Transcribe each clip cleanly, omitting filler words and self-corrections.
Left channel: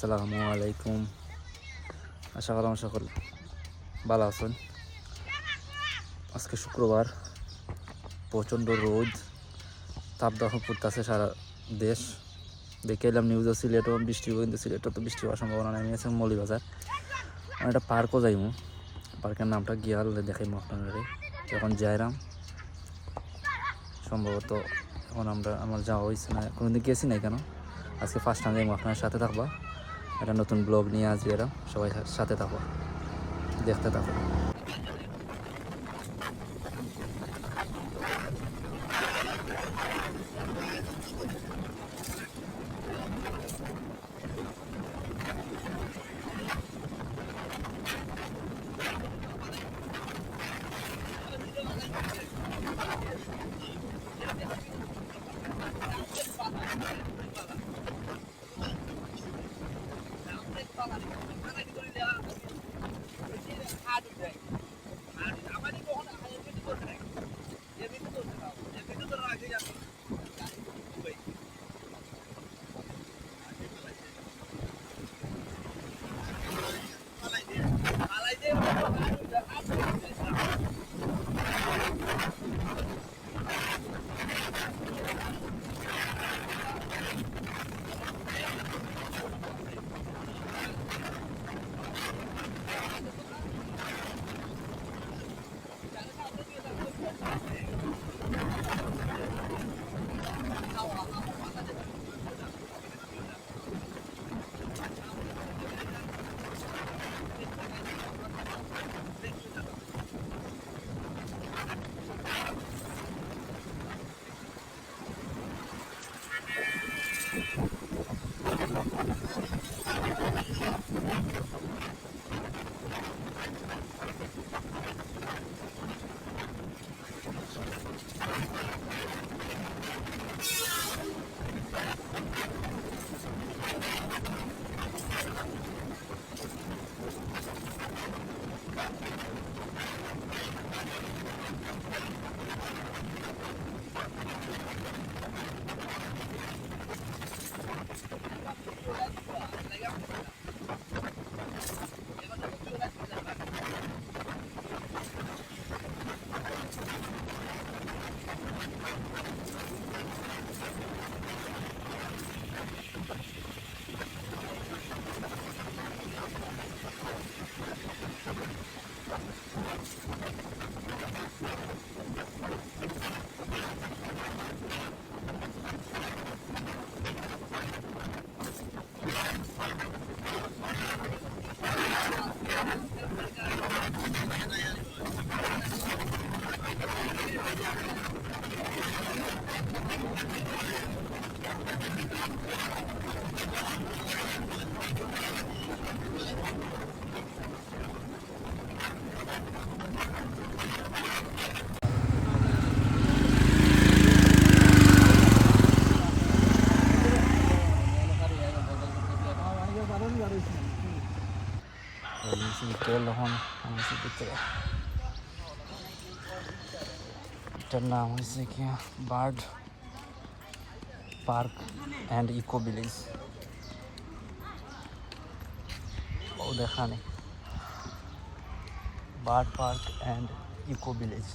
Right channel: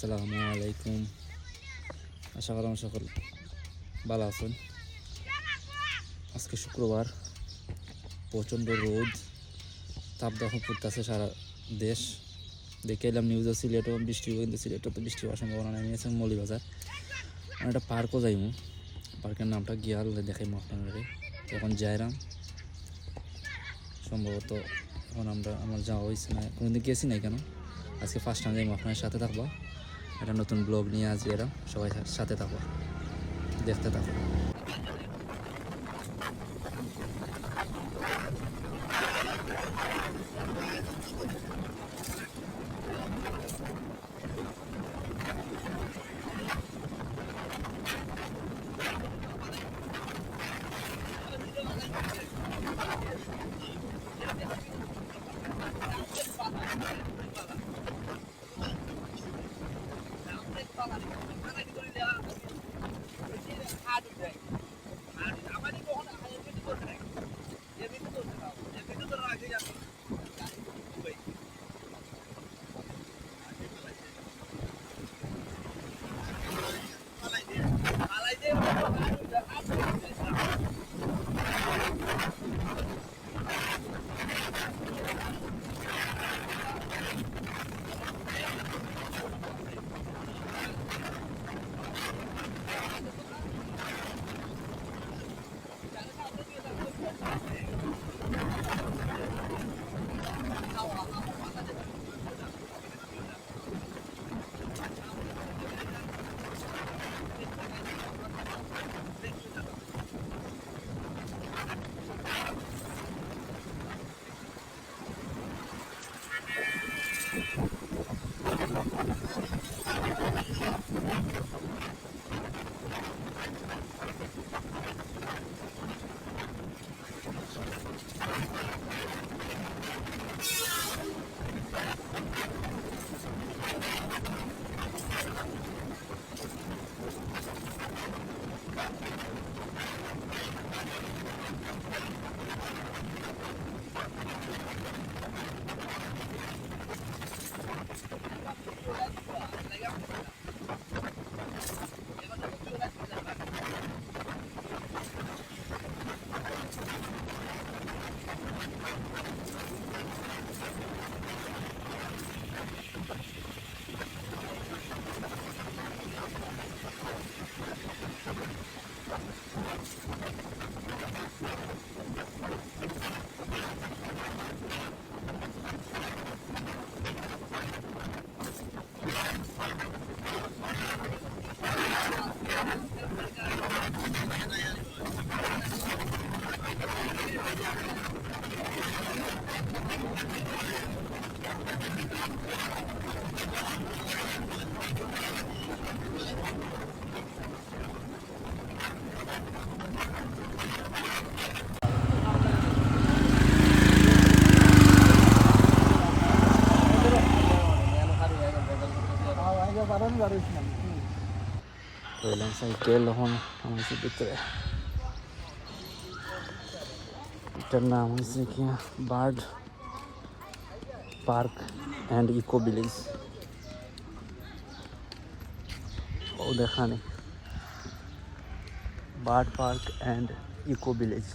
আসসালামু আলাইকুম। আশা করি সকল ভালো আছেন। আজকে শুক্রবার, প্রচণ্ড রোদ, তাপদাহ পড়তেছে সারা দেশ। দেখে এলাম নিউজে সিলেটও বৃষ্টি হইব, কিন্তু সিলেটও তো বৃষ্টি হওয়ার সম্ভাবনা নেই। আছে মৌলিবাজার, আমি একটা পার্কও যাইমু। পার্কের নামটা গিয়াল দেখাইমু আপনাদের। এখন যাইরাম সম্ভবত। এখন আমার যাওয়া হয়েছে না, কোনোদিন গেছি নাই কেন, আজকে ফার্স্ট টাইম যাইমু। আপনার সাথে থাকবা, একটা নতুন ব্লগ নিয়ে আজ এরাম, সবাই সাথে থাকো, দেখতে থাকো। সাইকেল এখন ভিতরে, এটার নাম হচ্ছে কি bird park and eco village. ওখানে bird park and eco village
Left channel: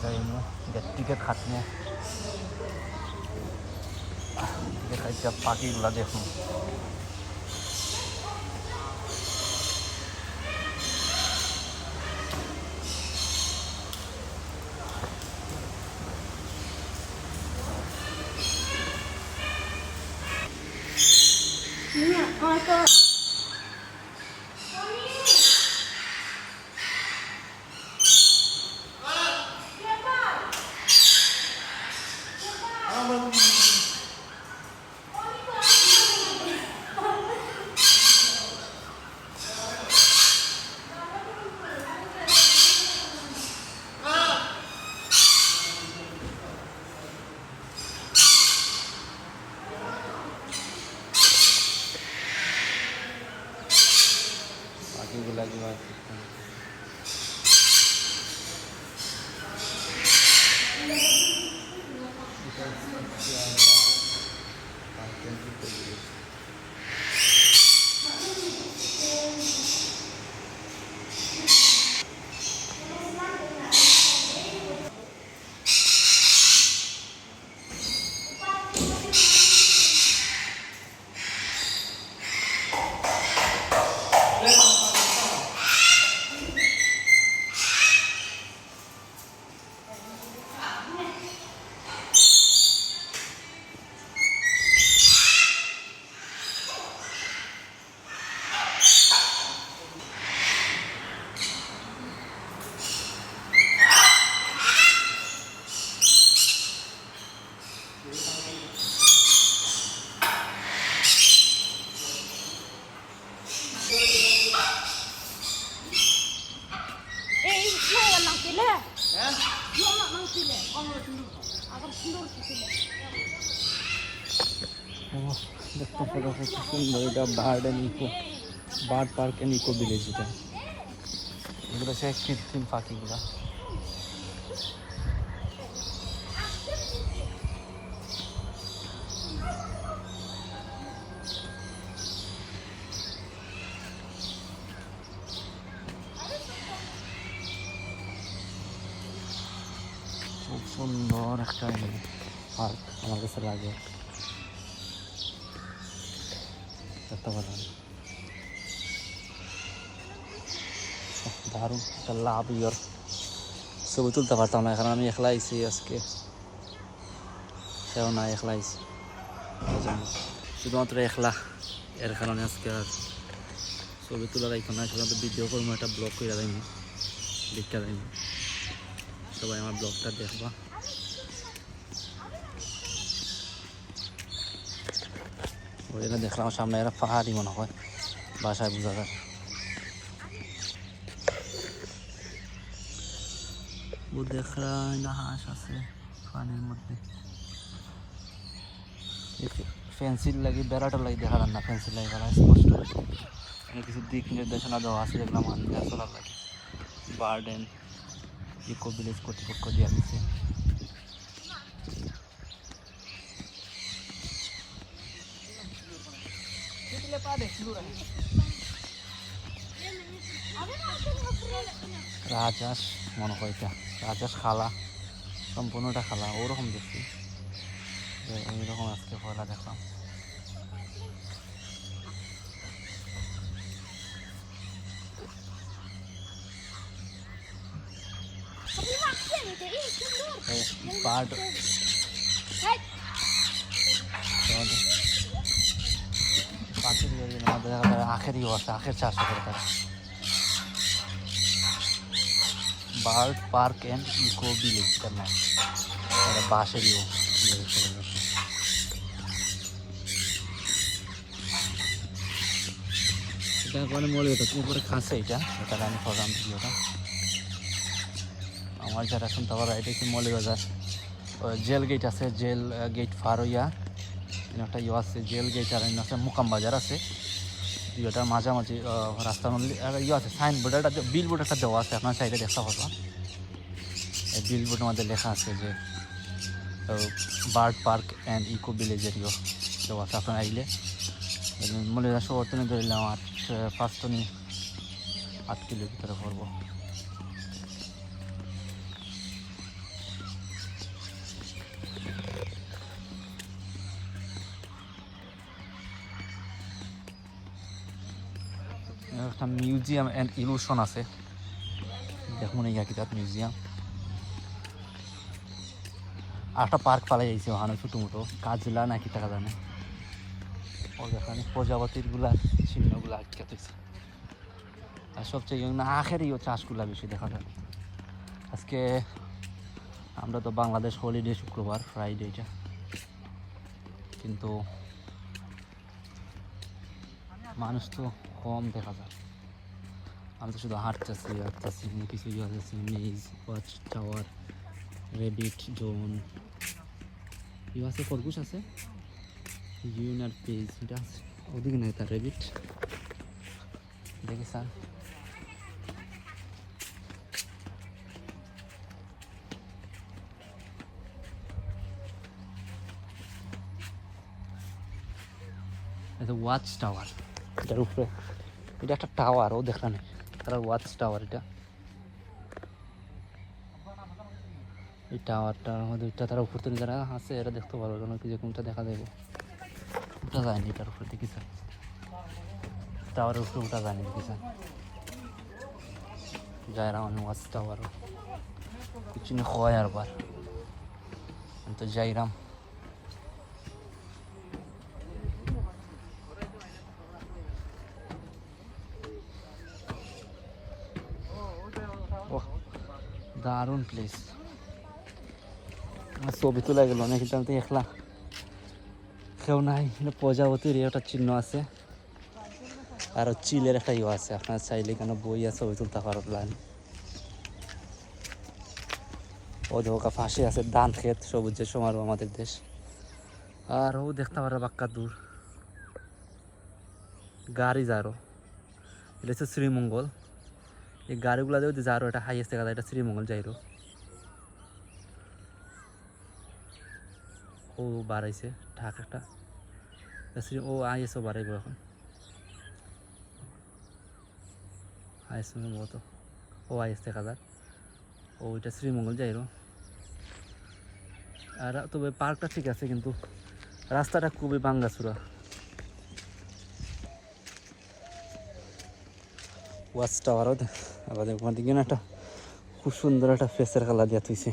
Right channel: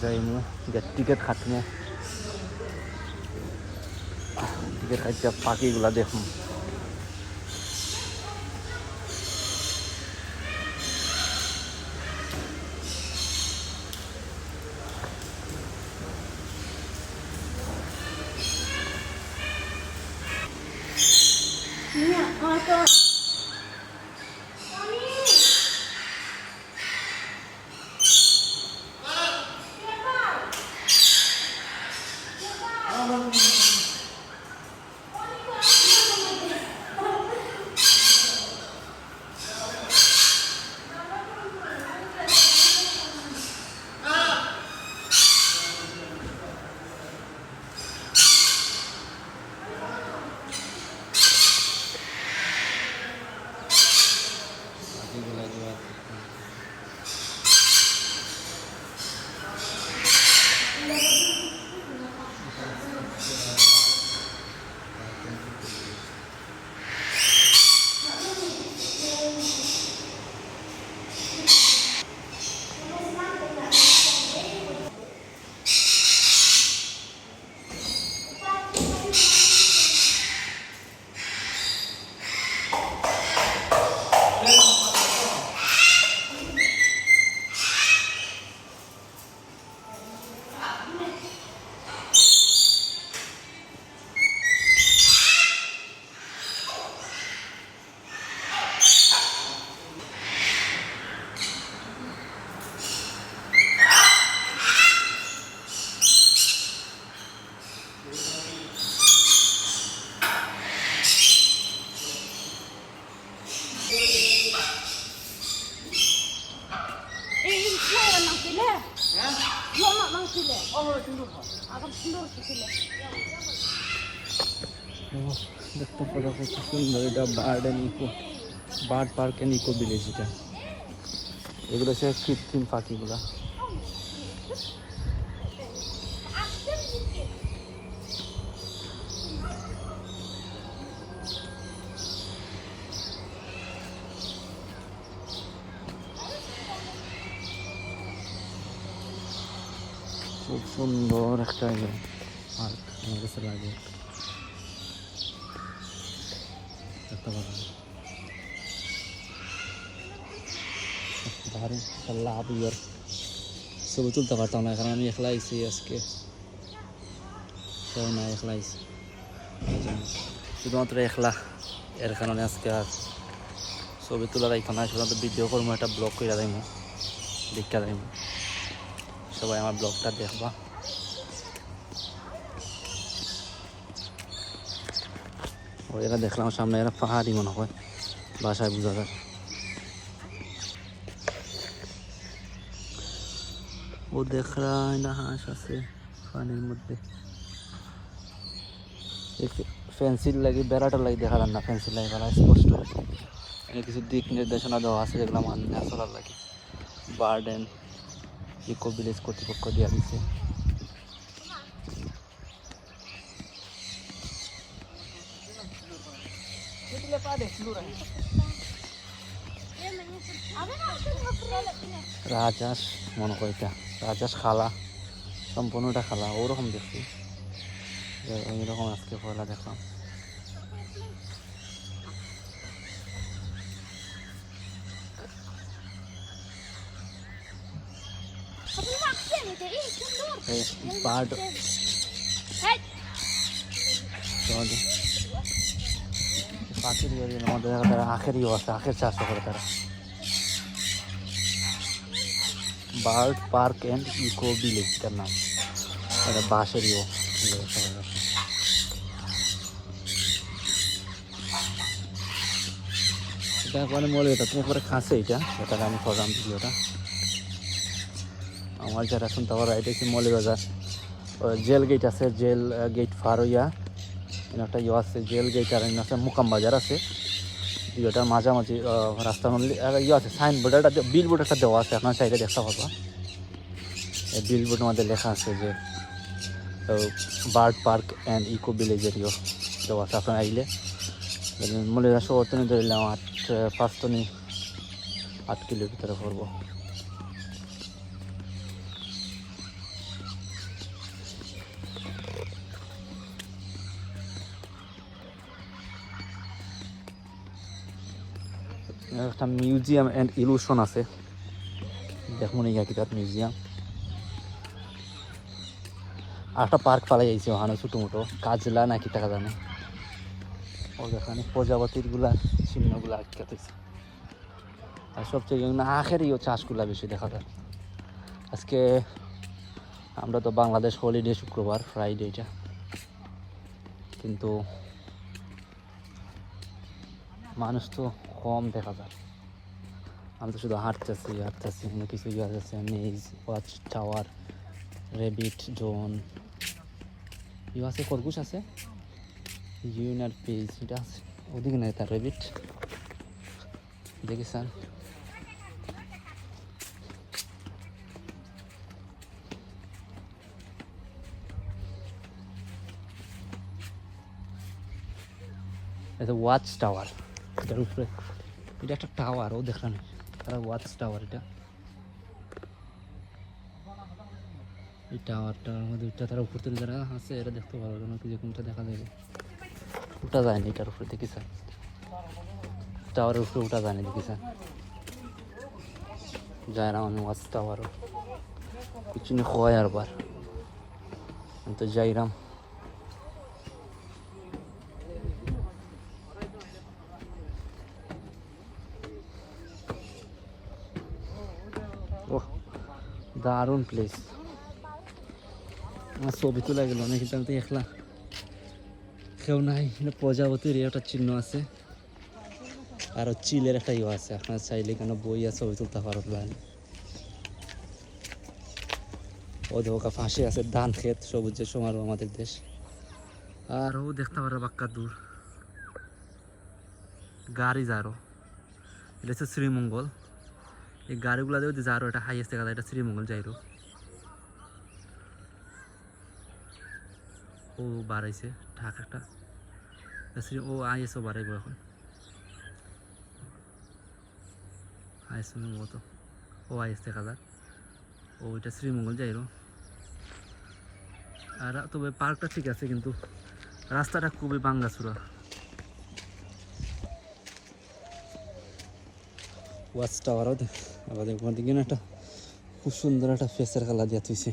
যাইনি, টিকিট কাটনি, টিকিট কাটতে পাখিগুলা দেখুন। দেখতে পাতা কত সুন্দর, এটা bird and eco, bird park and eco village. এটা এগুলো হচ্ছে কৃত্রিম পাখিগুলো। খুব সুন্দর একটা পার্ক আমার কাছে লাগে, দেখতে পারেন দারুণ একটা লাভ। ইয়ার ছবি তুলতে পারতাম না, কারণ আমি একলা আইছি আজকে, কেউ না, একলা আইছি শুধুমাত্র একলা, এর কারণে আজকে আর ছবি তোলা যাইতো না। শুধুমাত্র ভিডিও করবো, একটা ব্লগ করে যাইব, দেখা যাইব, সবাই আমার ব্লগটা দেখবা। এরা দেখলাম সামনে, এরা পাহাড়ি মনে হয়, বাসায় বোঝা যায়। ও দেখায় না, হাঁস আছে পানির মধ্যে। ফেন্সির লাগে, বেড়াটা লাগে দেখালাম না, ফেন্সির লাগে বেড়া কিছু দিক নির্দেশনা দেওয়া আছে, এগুলো মানুষ লাগে। বার্ড অ্যান্ড ইকো ভিলেজ কর্তৃপক্ষ দেওয়া দিচ্ছে। রাজহাঁস মনে করি, রাজহাঁস খালা, সম্পূর্ণটা খালা, ওরকম দেখছি, এইরকম আজকে পরে দেখো। আখেরই অবস্থা, আখের চাষটা করে তারা। Bird park and eco village করলাম, বাঁশেরও এটা মানে মলে, এটা তোমার পরে খাসে, এটা এটা আমি প্রধান ভিডিওটা আমার যারা আছেন তারা, এটা কি মলে বাজার জেল গেট আছে, জেল গেট পার হইয়া একটা ইয়ে আছে, জেল গেট আর আছে মুকাম বাজার আছে, ইয়েটার মাঝামাঝি রাস্তার মধ্যে ইয়ে আছে, সাইনবোর্ডটা বিল বোর্ড একটা দেওয়া আছে, আপনার সাইডে দেখতে পাবে, বিল বোর্ডের মধ্যে লেখা আছে যে বার্ড পার্ক অ্যান্ড ইকো ভিলেজের দেওয়া আছে। আপনার আইলে মূল্য শহরতনি ধরলাম 8 কিলো ভিতরে পড়বো। একটা মিউজিয়াম অ্যান্ড ইলুশন আছে, দেখুন এই মিউজিয়াম। আর একটা পার্ক পালা যাইছে ওখানে, ছোটো মোটো কাজলা নাকি টাকা জানে, প্রজাপতিরগুলা সিনেমাগুলো আটকে থাকছে। আর সবচেয়ে আখেরই চাষগুলা বেশি দেখা যায়। আজকে আমরা তো বাংলাদেশ হলিডে, শুক্রবার ফ্রাইডেটা, কিন্তু মানুষ তো কম দেখা যায়। আমি তো শুধু হাঁটতেছি, অনেক কিছু ইয়ে আছে, মেজ, ওয়াচ টাওয়ার, রেবিট জোন, ইয়ে আছে, খরগোশ আছে, ইউনার পেজ, এটা আছে ওদিকে নাই, তার রেবিট দেখেছেন। এটা ওয়াচ টাওয়ার, এটার উপরে, এটা একটা টাওয়ার, ও দেখলেন তারা ওয়াচ টাওয়ার, এটা এই টাওয়ারটার মধ্যে তারা উপর থেকে যারা আছে এরা দেখতে পারো, যে কোনটা দেখা যাবে, উল্টা যায়নি এটার উপরে, দেখেছেন টাওয়ারের উপরে উল্টা যায়নি, দেখেছেন যায় না। আমি ওয়াচ টাওয়ারও কিছু হয় আর বার, আমি তো যাইলাম। দারুণ প্লেস, ছবি তোলা গেল না, কিন্তু আমি তো একলা, কেউ নাই। প্রজাপতির একটা চিহ্ন আছে, আর চিলের একটা ইয়ে আছে, আপনার চাইলে কেন বইয়া ছবি তুলতে পারো প্ল্যান। ও দেখো পাশে আছে ধান ক্ষেত, সবুজের সমারোহ আমাদের দেশ। আর ও দেখতে পারো বাক্কা দূর গাড়ি যারো, এটা হচ্ছে শ্রীমঙ্গল। এই গাড়িগুলা যদি যারো, এটা হাইয়েস্ট দেখা যায়, এটা শ্রীমঙ্গল যাইরো। ও বাড়াইছে ঢাক একটা, ও আইএসও বাড়াইব এখন, আইএস সম্ভবত, ও আইএস দেখা যাক। ও এটা শ্রীমঙ্গল যাইরো। আর তবে পার্কটা ঠিক আছে, কিন্তু রাস্তাটা খুবই ভাঙ্গাচুরা। ওয়াচ টাওয়ারও আবার ওখান থেকে একটা খুব সুন্দর একটা ফেসের কালার দিয়া তুইছে,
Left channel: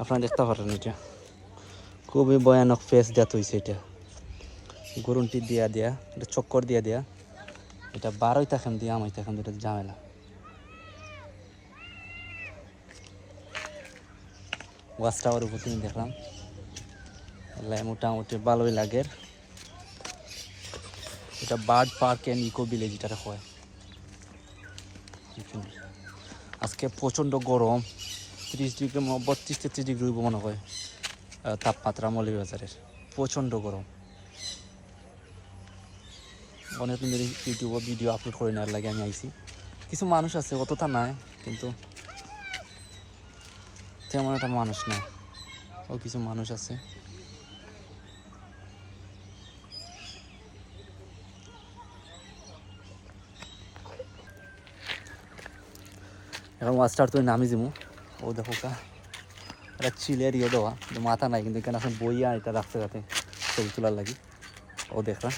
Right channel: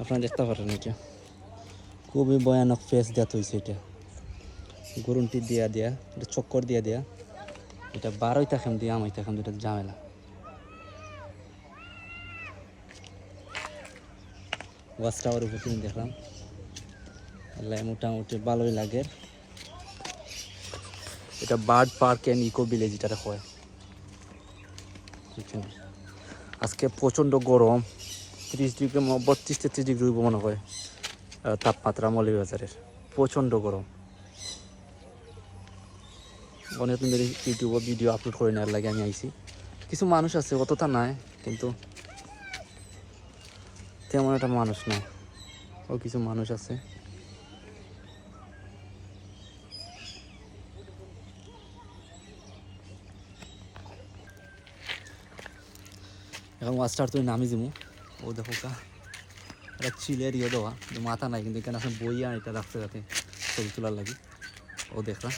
আপনারা দেখতে পারেন। এটা খুবই ভয়ানক ফেস দেওয়া হয়েছে। এটা গরুনটি দিয়া দিয়া, এটা চক্কর দিয়া দিয়া, এটা বারোই থাকেন দিয়ে আমাই থাকেন, এটা ঝামেলা। ওয়াচ টাওয়ার উপর তুমি দেখলাম, মোটামুটি ভালোই লাগে। এটা bird park and eco village এটা হয়। আজকে প্রচণ্ড গরম, 30 ডিগ্রি 32-33 ডিগ্রি মনে হয় তাপমাত্রা মৌলভীবাজারের, প্রচণ্ড গরম। অনেক ইউটিউবে ভিডিও আপলোড করে নেওয়ার লাগে আমি আইছি। কিছু মানুষ আছে, অতটা নাই, কিন্তু তেমন একটা মানুষ নাই, ও কিছু মানুষ আছে। এখন ওয়াস্টার তুই নামি যাবো। ও দেখো একটা চিলের ইয়ে দেওয়া, মাথা নাই, কিন্তু এখানে এখন বইয়া এটা রাখতে পারতো ছবি তোলার লাগি। ও দেখা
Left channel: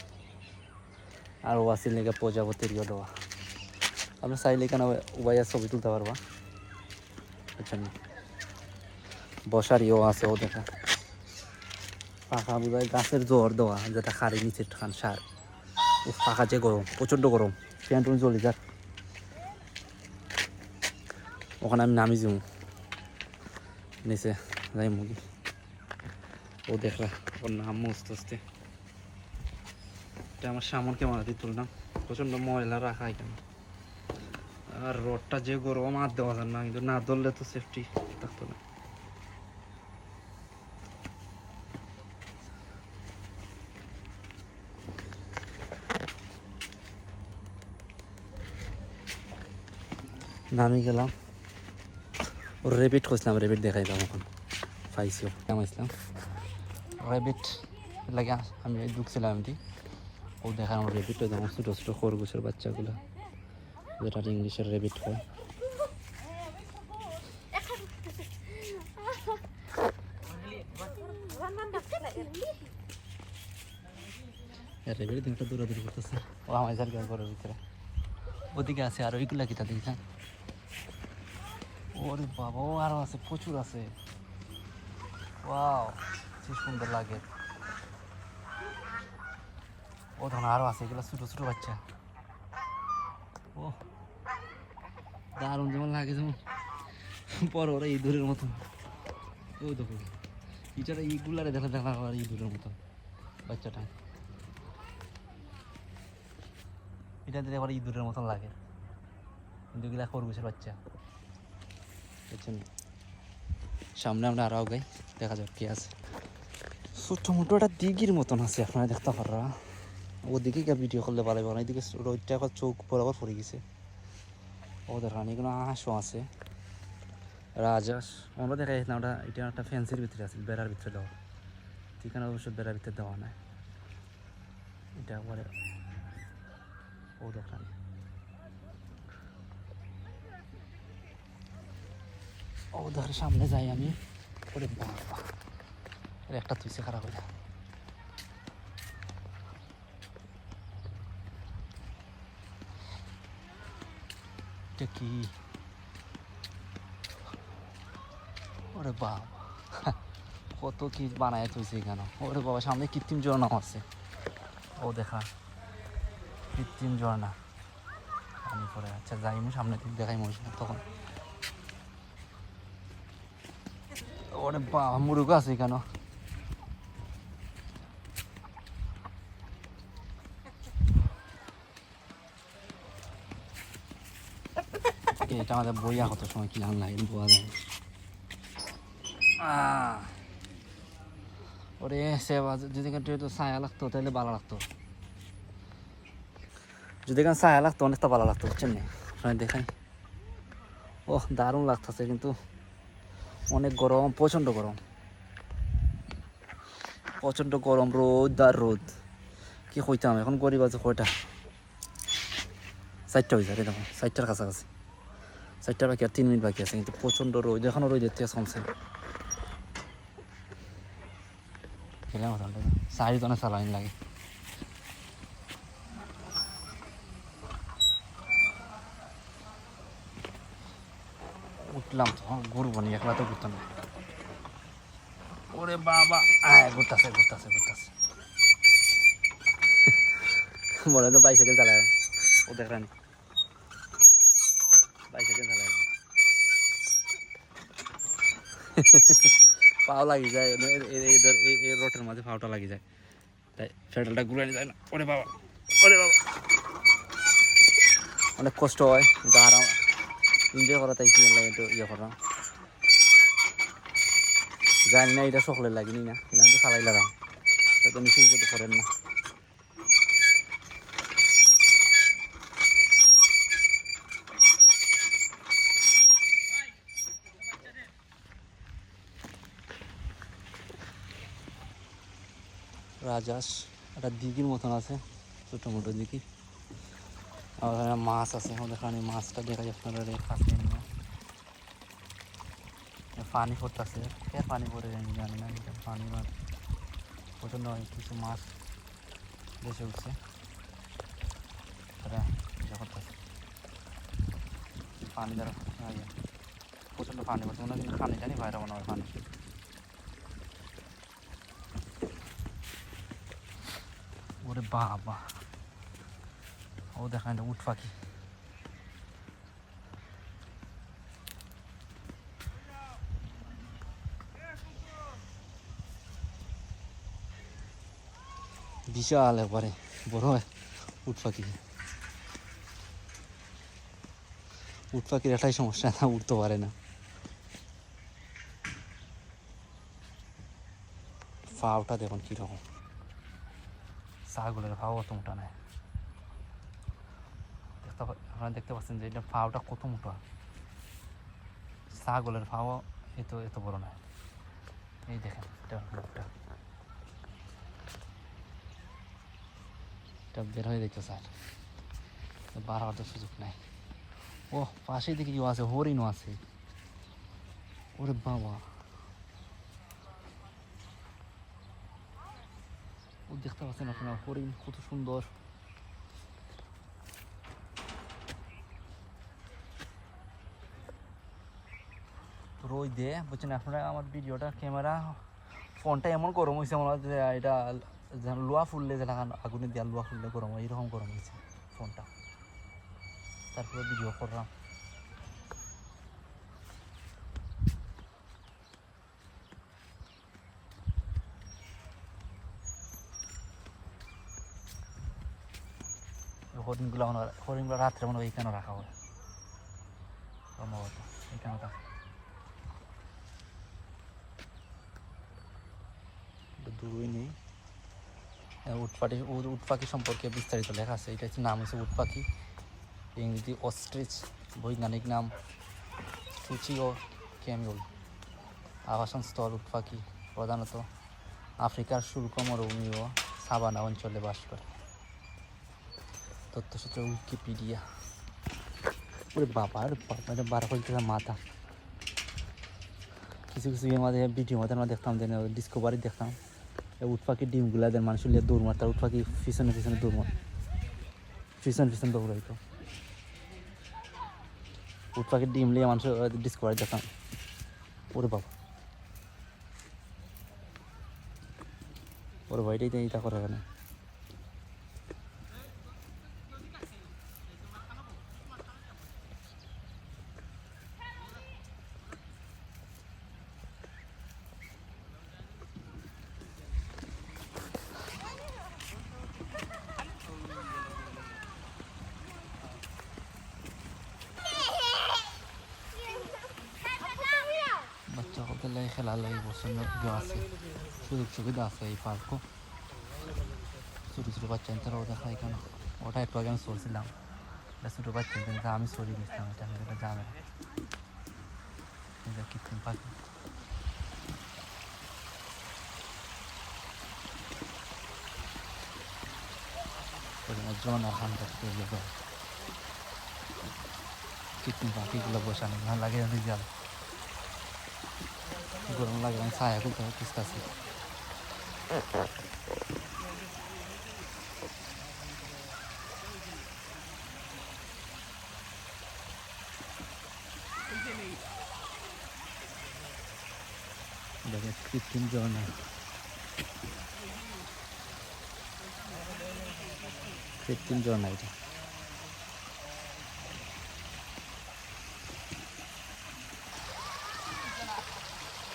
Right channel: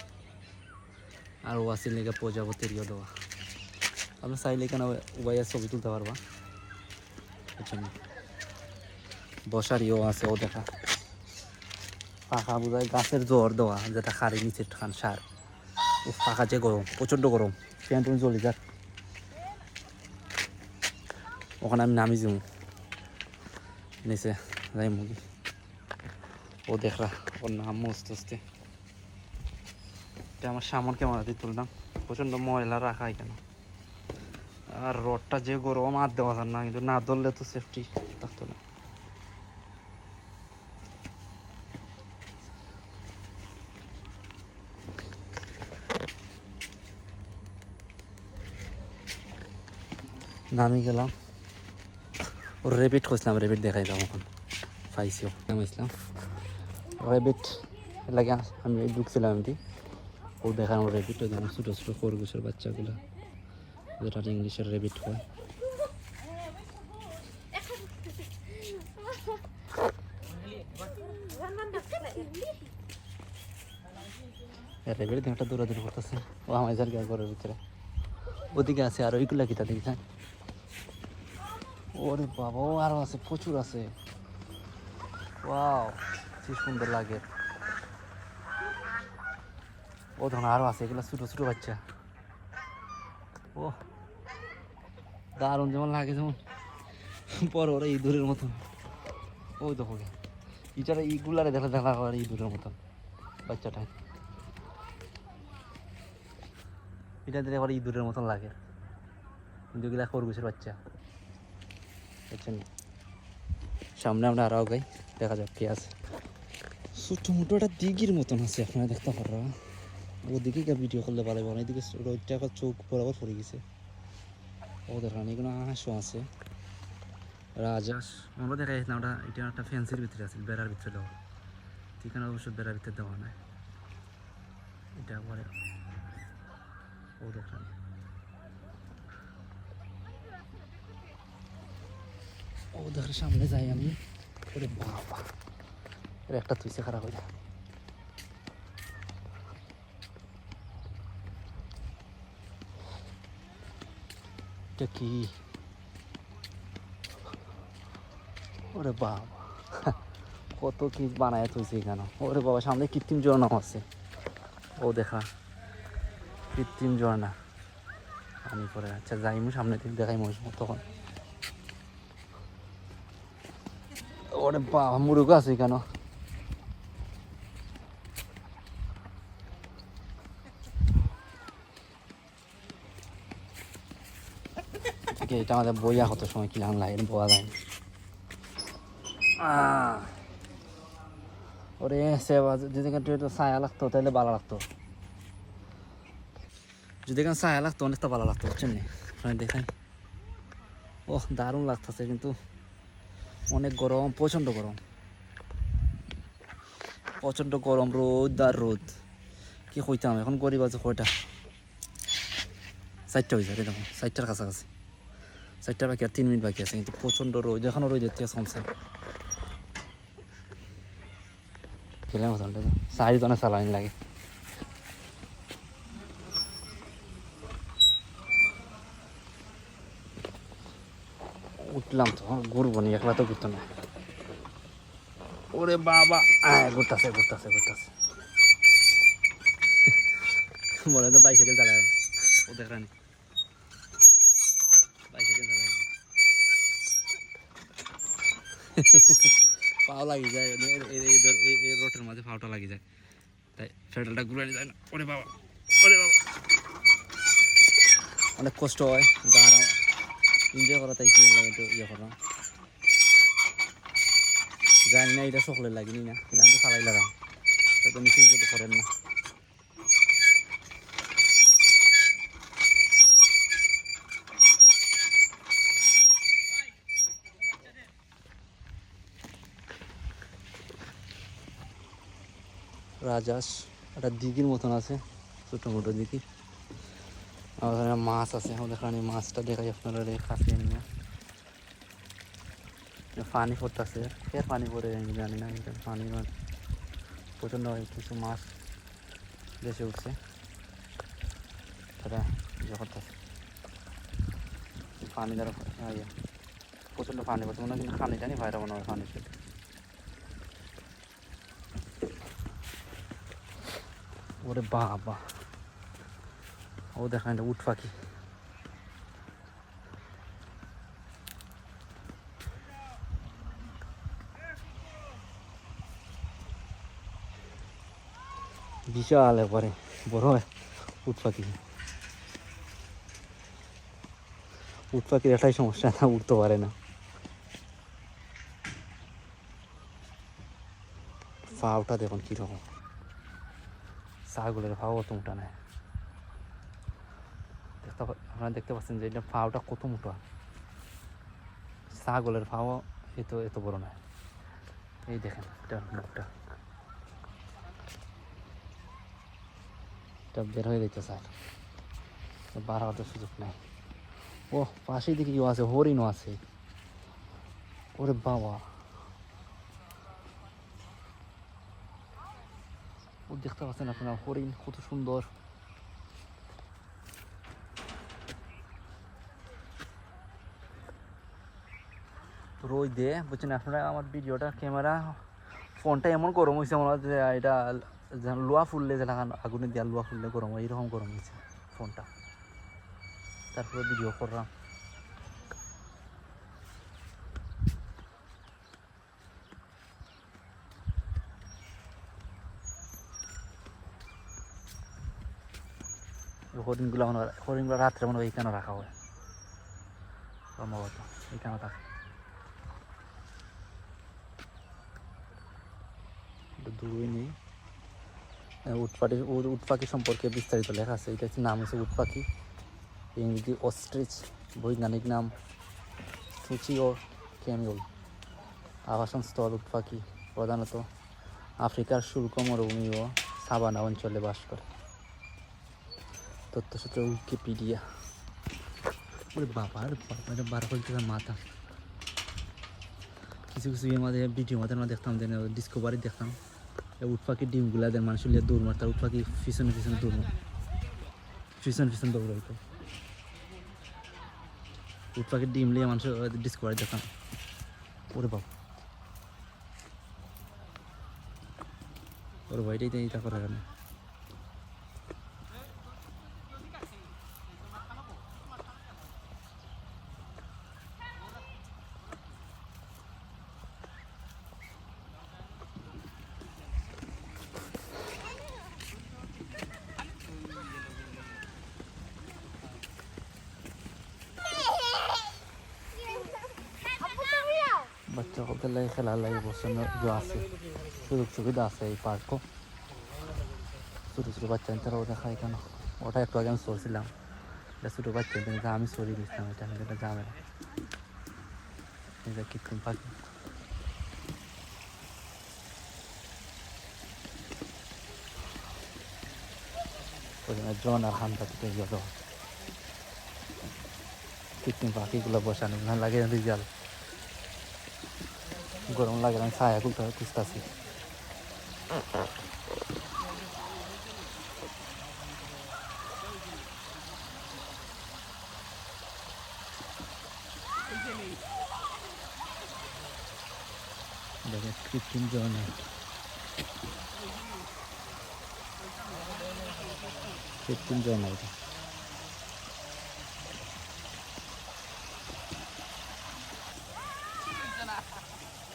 আর ওয়াসির লেগে প্রজাপতির ইয়ে দেওয়া, আমরা চাইলে এখানে উবাইয়া ছবি তুলতে পারবো। আচ্ছা, বসার ইয়েও আছে। ও দেখা পাখা বোঝায় গাছের জোর দেওয়া, যেটা খাড়ি নিচে খান সার। ও পাখা যে গরম, প্রচণ্ড গরম, ফ্যান টুন চলে যাক। ওখানে আমি নামি যাবো নিচে যাই মুগি। ও দেখলা ওর নাম মস্ত আসতে, এটা আমার সামন কেমন দিয়ে তুললাম, প্রচণ্ড ময়লা রাখা এখানে। আর রোডটা যে গরম আর দেওয়া যান না, কিন্তু না ধরলে তো সেফটি থাকতো না। নামি গেলাম, ওর রেবিট খুঁজলাম, রেবিট দেখাইলাম, এখন পাইছিও নামাইছিলাম রেবিট লাগে। আমি ঢুকছিলাম এমনি, ওই দেখানো রেবিট, ওই যেমন ছোটো ছোটো খরগোশের বাচ্চাগুলো, যেটা ইংলিশের রেবিট হয়। রেবিট একটা দৌড়াদৌড়ি করতেছে, ও আমার ঘরের ভিতরে। ওদিকে আছে আর ওইগুলা কিতা দেখছেন, ওরে বাবা, ও আরো আছে, প্রচুর আছে। ওয়াও, কি সুন্দর লাগে। ও ধরুন আরো আছে, এগুলো ছোটো ছোটো বাচ্চা। ও দারুণ, যেমন লাগে যেমন বড় ওরা ইঁদুরের মতন। ওই দেখো ইটারা ইগুলারে দেখা দেখা করে ইঁদুরের মতন বাচ্চাটা, এটা দিলে আবার ইঁদুরের মতন লাগে, কিন্তু এগুলা খরগোশের বাচ্চা। সামনে আমরা আরও গাই, দেখা যাক কি আছে। ছোট্ট মোটো একটা দিঘির মতন আছে, আপনারা দেখতে পারা। ওদিকে গিয়ে ভিডিও করলে ভালো হবে না, এদিকে রোদটা এখন চোখ বরাবর পড়ে গেছে। ওদের রানি কোনো হাঁসও আছে, রাজহাঁস। আমরা দেখা যাচ্ছে না, ওটা এটা একটা ফ্যান্সির ভিতরে আছে, বেড়ার ভিতরে দেওয়া, ঠিকানা অবশ্য বেড়ার ভিতরে দেওয়া নাই। এটা পরে ও দেখা, ও দেখার সামনে যাই আমি। ওরে বাবা, একটা তুইছে খারাপ হলো। এটা কি, ওরে বাবা, কত কি বানায় তুইছে এখানে। ওরে বাবা, সামনে কৃত্রিম ঝর্ণা আছে। ও দেখা কৃত্রিম ঝর্ণা করে। আচ্ছা যাই, আমি সামনে থেকে দেখাই মানুষ তখন। ওরে বাবা, মুরুগ আছে কেন, এটা আমাদের বইয়া কত সময় কিলাম লাগে বয়া যায় ওরে সেবা যদি তো ছায়া লাগতো তাহলে ভালো লাগতো যদি এখানে ছায়া লাগতো অনেকটা ভালো লাগতো বুঝছেন না আপনার দেখাই ও দারুণ লাগতেছে কিন্তু অনেক গরম প্রচণ্ড গরম রোদ আর রোদ কি কইতাম এখন গরিব আছে কয়টা 4টা হয়েছে আরে দেখো 4টার কাছাকাছি 4টা বাকি আর 3 মিনিট বাকি আছে কিন্তু প্রচণ্ড রোদ এখনও রোদের থেকে কমছে সাইজ অনেক চালানি লাগে উঠলাম তো ঘুরবো নি একলা তো ঘুরতো না ওরে বাবা ঘুরতেছে মনে হয় বাইসাইকেল চালায় ও দেখরানি বাইসাইকেল চালায় পাও লাগি যায় এই রোটের মাঝে পাওটা লাগি যায় তাই ফেডালটা ঘুরে যায় না ওরে বাবা অনেক কষ্ট হয় কিন্তু আর এনজয় করা তাই কি লাগে একটু ইয়ে করা জানি না এটা সকলের লাগেনি না আমি তো চালাই লাগাম তো মিশিং কিছু করেন না রাজাস একটা দিঘির মতন আছে ছোটো মোটো দিঘি আর ওখানে মাছ আছে আমাদের পানি মাছটা দেখা যায় আপনারা কাছে পানি পড়তেছে কে পানি পড়ে জানি না পানি প্রচণ্ড কিছু মাছ বেশি উঠছে পানি দ্বারা প্রচণ্ড পানি পড়ছে মানে পানি জানি বাইরে মনে হয় পানি ওরে বাবা ও দেখা এটা উট পাখি বিশাল একবারে বড় উট পাখির একটাই সমস্যা না উঠতে পারে না ফাওটা দেখুন কীরকম ছাগলের ফাও অত মোটা নাই আপনারা দেখতে পাচ্ছেন যে এটা ফাওটা কত মোটা ছাগলের ফাও এত বড় না এই দেখেন এটা মুখটা বের হয়ে যেতে চাই বার হওয়ার সুযোগ নাই ও পাশে দিকে কেউ আছে হরিণও আছে ওরে বাবা ও দেখতে পাচ্ছেন আপনার হরিণ কত সুন্দর রোজ দিয়ে বুঝছেন আপনারা আমার ভিডিওটা ক্যামেরা ফোনটা এমন গরম হয়েছে মনে হয় যে এটা লোহা ফুললে যে আগুনে দেওয়া লোহা ফুললে গরম হয় এইরকম গরম হয়েছে ফোনটা তারপরে ভিডিও করলাম হরিণগুলো রাত্রে মনে হয় এইখানে রাখা হয় সম্ভবত এইখানে থাকে দূরে নেই উট পাখি সম্পর্কে বিস্তারিত লেখা আছে এটা হচ্ছে নাম আছে উট পাখি ইংরেজি অস্ট্রিচ বৈজ্ঞানিক নাম ফুচিও ক্যামেল আবাসন স্থল উট পাখি প্রধানত আফ্রিকার শুল্ক মরুভূমি ও সাভানা অঞ্চলে বাস করে তথ্যসূত্র উইকিপিডিয়া বাবার বারো করে মাথা কিছু ইয়ের মাঝে ভিডিও মাঝে আমরা দেখতাম যে ডিসকভারি দেখতাম উট পাখির ডিমগুলা দেন মানুষ দৌড় মারত উট পাখি পিছনে দৌড় মার পিছন দৌড়াইতো উট পাখির ডিম লিয়ে মানুষ ডিসকভারি দেখতাম ওরে বাবা ওর ভাইটাই তো এইটা করে কেন বাচ্চাদের লাগে খেলার লাগে বসানো আছে, সুযোগ সুবিধা আছে এই পার্কও। ছোটো ছোটো বাচ্চা তারা ওটা খায় এখানে। ওটা একটু আগে আমি চলছিলাম, এটা ছোটো বাচ্চা কিন্তু আমি সরি নিচ্ছিলাম, এটা যাবে এটা কৃত্রিম পাখি। জন আর হান করতে যাবে কৃত্রিম পাখিগুলো বসানো না লাগে রিজাল গরম লাগে আমি ছায়া দিতে খুঁজতেছি। দেখে কৃত্রিম ঝর্ণা, কৃত্রিম ঝর্ণা এটা।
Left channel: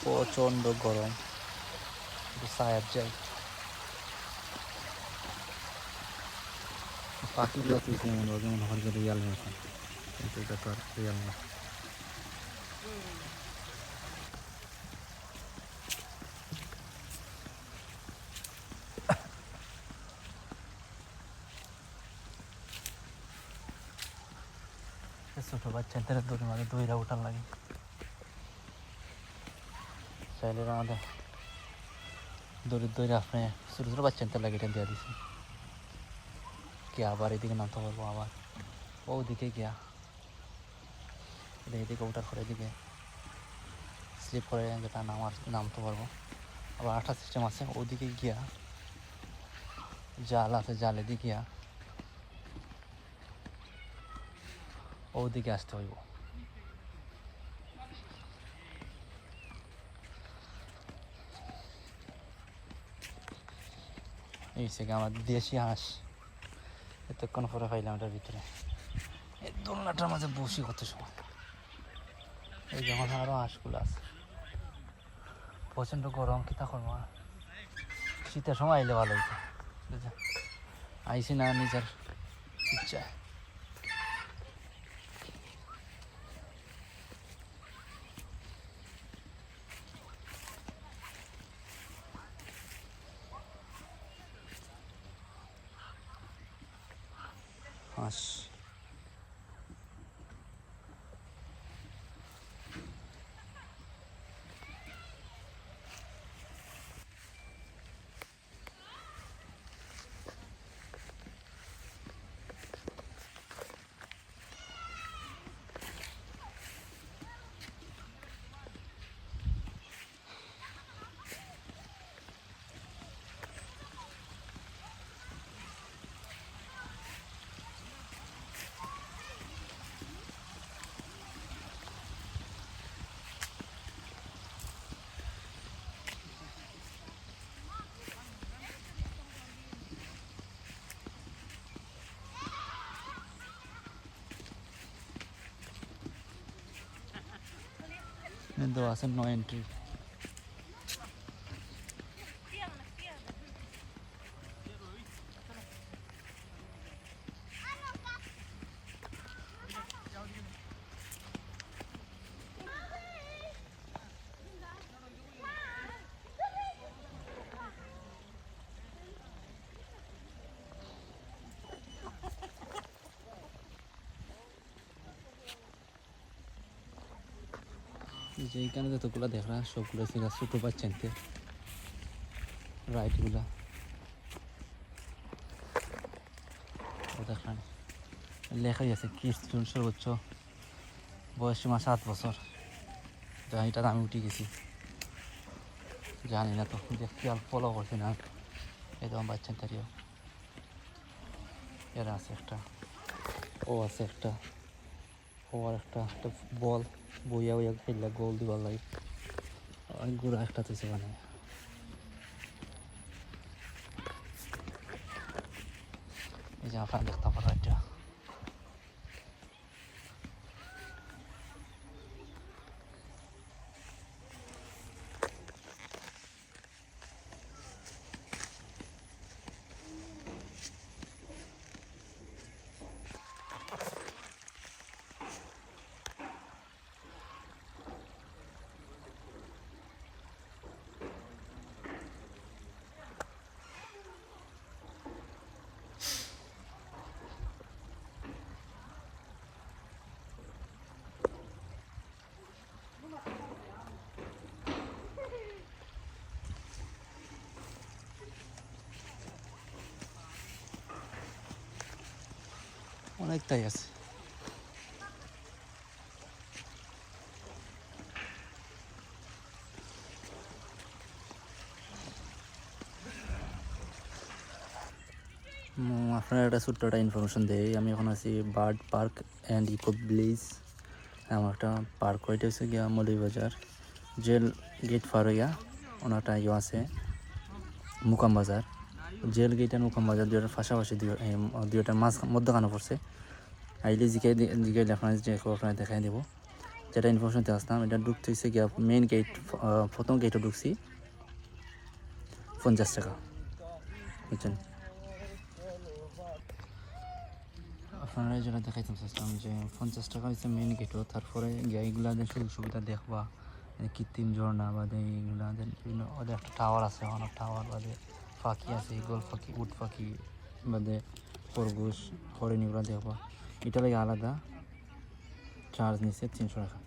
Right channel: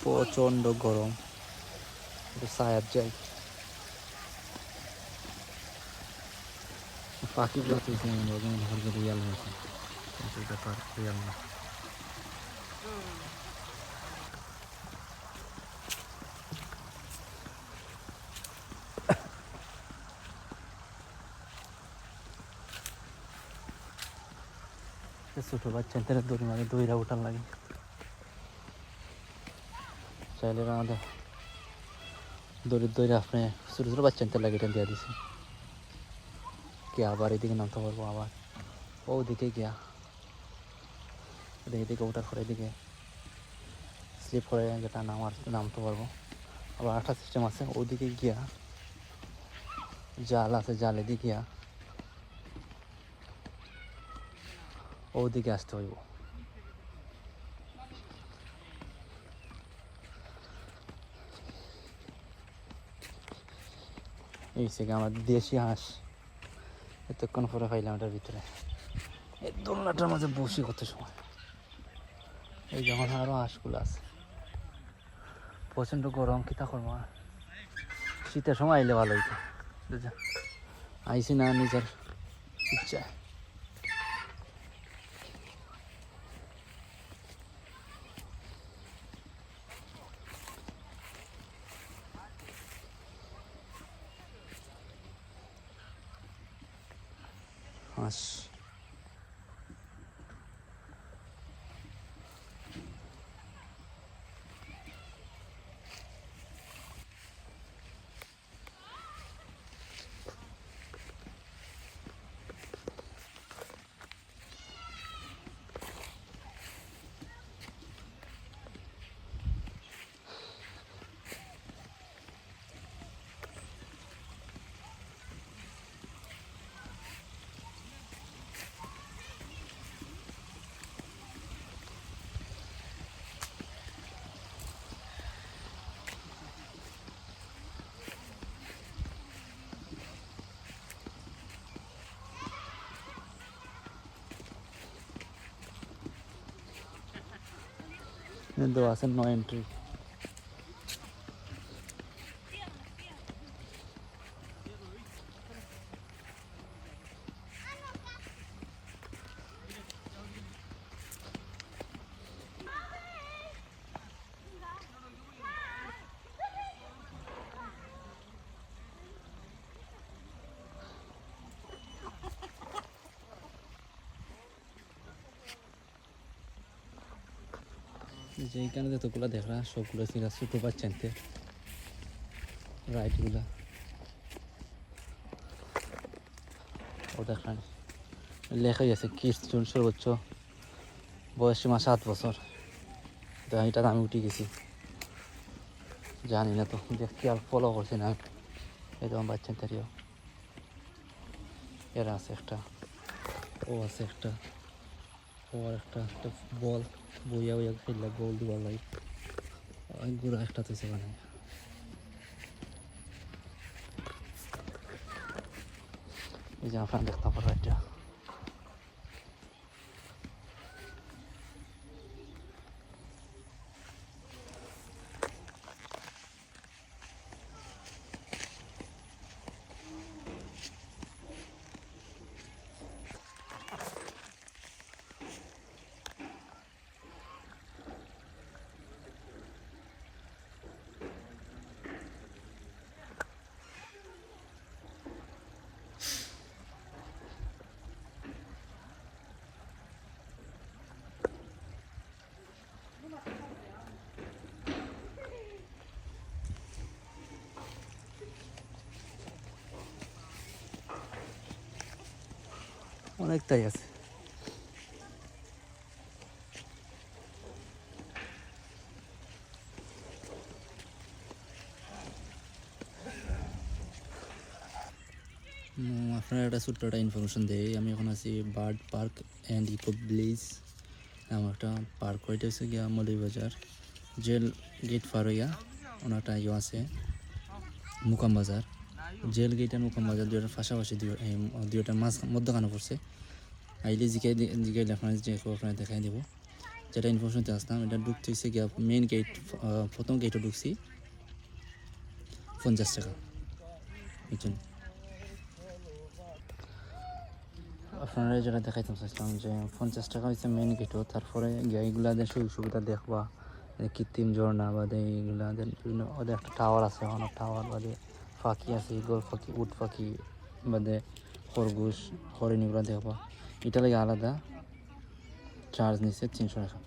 প্রচণ্ড গরম, পাখিগুলো চলছে মনে হয় যেমন হরকে রিয়াল মতো, কিন্তু এটা তো আর রিয়াল না। ছোটো বাচ্চা দৌড় লাগে, দইরা ওঠার লাগে চলো আমাদের দৌড়ে আপনি ছোটো ছোটো বাচ্চা লাগে এটা দিয়ে দিচ্ছি কি আবার এদিকে নামতে পারবো আবার ও দিকে গিয়া এদিকে ওঠার পরে এদিকে স্লিপ করে যেটা নামতে পারবো। আবার আঠা সিস্টেম আছে, ওইদিকে গিয়া জাল আছে, জালে দিয়ে গিয়া ওদিকে আসতে হইব। এই থেকে আমার দেশি হাঁস এতক্ষণ পরে পাইলাম ওটার ভিতরে, এই দোলনাটার মাঝে বসে কত এই জায়গায় আরও হাঁসগুলো আছে। প্রচণ্ড গরম, কিতা করবো আর, শীতের সময় আইলে ভালো হইতো, আইসি না নিজের ইচ্ছা। হাঁস কিন্তু আছে নো এন্ট্রি। যেইখানে যতগুলো দেখরা সবগুলো ছিল ছোটো বাচ্চাতে রাইডগুলা, ও দেখলাম লেখাই আছে কিডস জোন সর্বোচ্চ বয়স সীমা 7 বছর। তো এটার আমি উঠে গেছি, জানি না তো কিন্তু আর ফলো করছে না এরকম বাচ্চা থেকে। এর আছে একটা, ও আছে একটা, ও আর একটা বল বইয়া বইয়া খেললে গোল দিবার লাগে গুড়া একটা তো মানে এই যে দেখতে পারে। অনেকটাই আছে। আপনার একটা ছোট্ট একটা ইনফরমেশন দেই, আমি এখন আছি bird park and eco village. আমার একটা পার্ক হইতে হচ্ছে গিয়া মৌলভীবাজার জেল গেট পার হইয়া ওনাটা ইয়ে আছে মুকাম বাজার। জেল গেট আর মুকাম বাজার দুইটার পাশাপাশি দুইটার মধ্যখানে পড়ছে। আইলে জিকে আপনার দেখাই দেবো। যেটা ইনফরমেশন দিয়ে আসলাম, এটা ঢুকতে হচ্ছে গিয়া মেইন গেট, প্রথম গেটে ঢুকছি 50 টাকা, বুঝছেন। আপনারা যেটা দেখাইতে চাচ্ছিলাম যে 50 টাকা হচ্ছে মেইন গেটও। তারপরে এইগুলা সুযোগ সুবিধা দেখবা, কৃত্রিম ঝর্ণা বাদে এইগুলা বিভিন্ন ওদের একটা টাওয়ার আছে, অনেক টাওয়ার বাদে পাখি আছে, গোল পাখি, উট পাখি বাদে খরগোশ, হরিণ, এগুলো দেখবা। এটা লাগে আলাদা চার্জ নিচ্ছে 300 টাকা।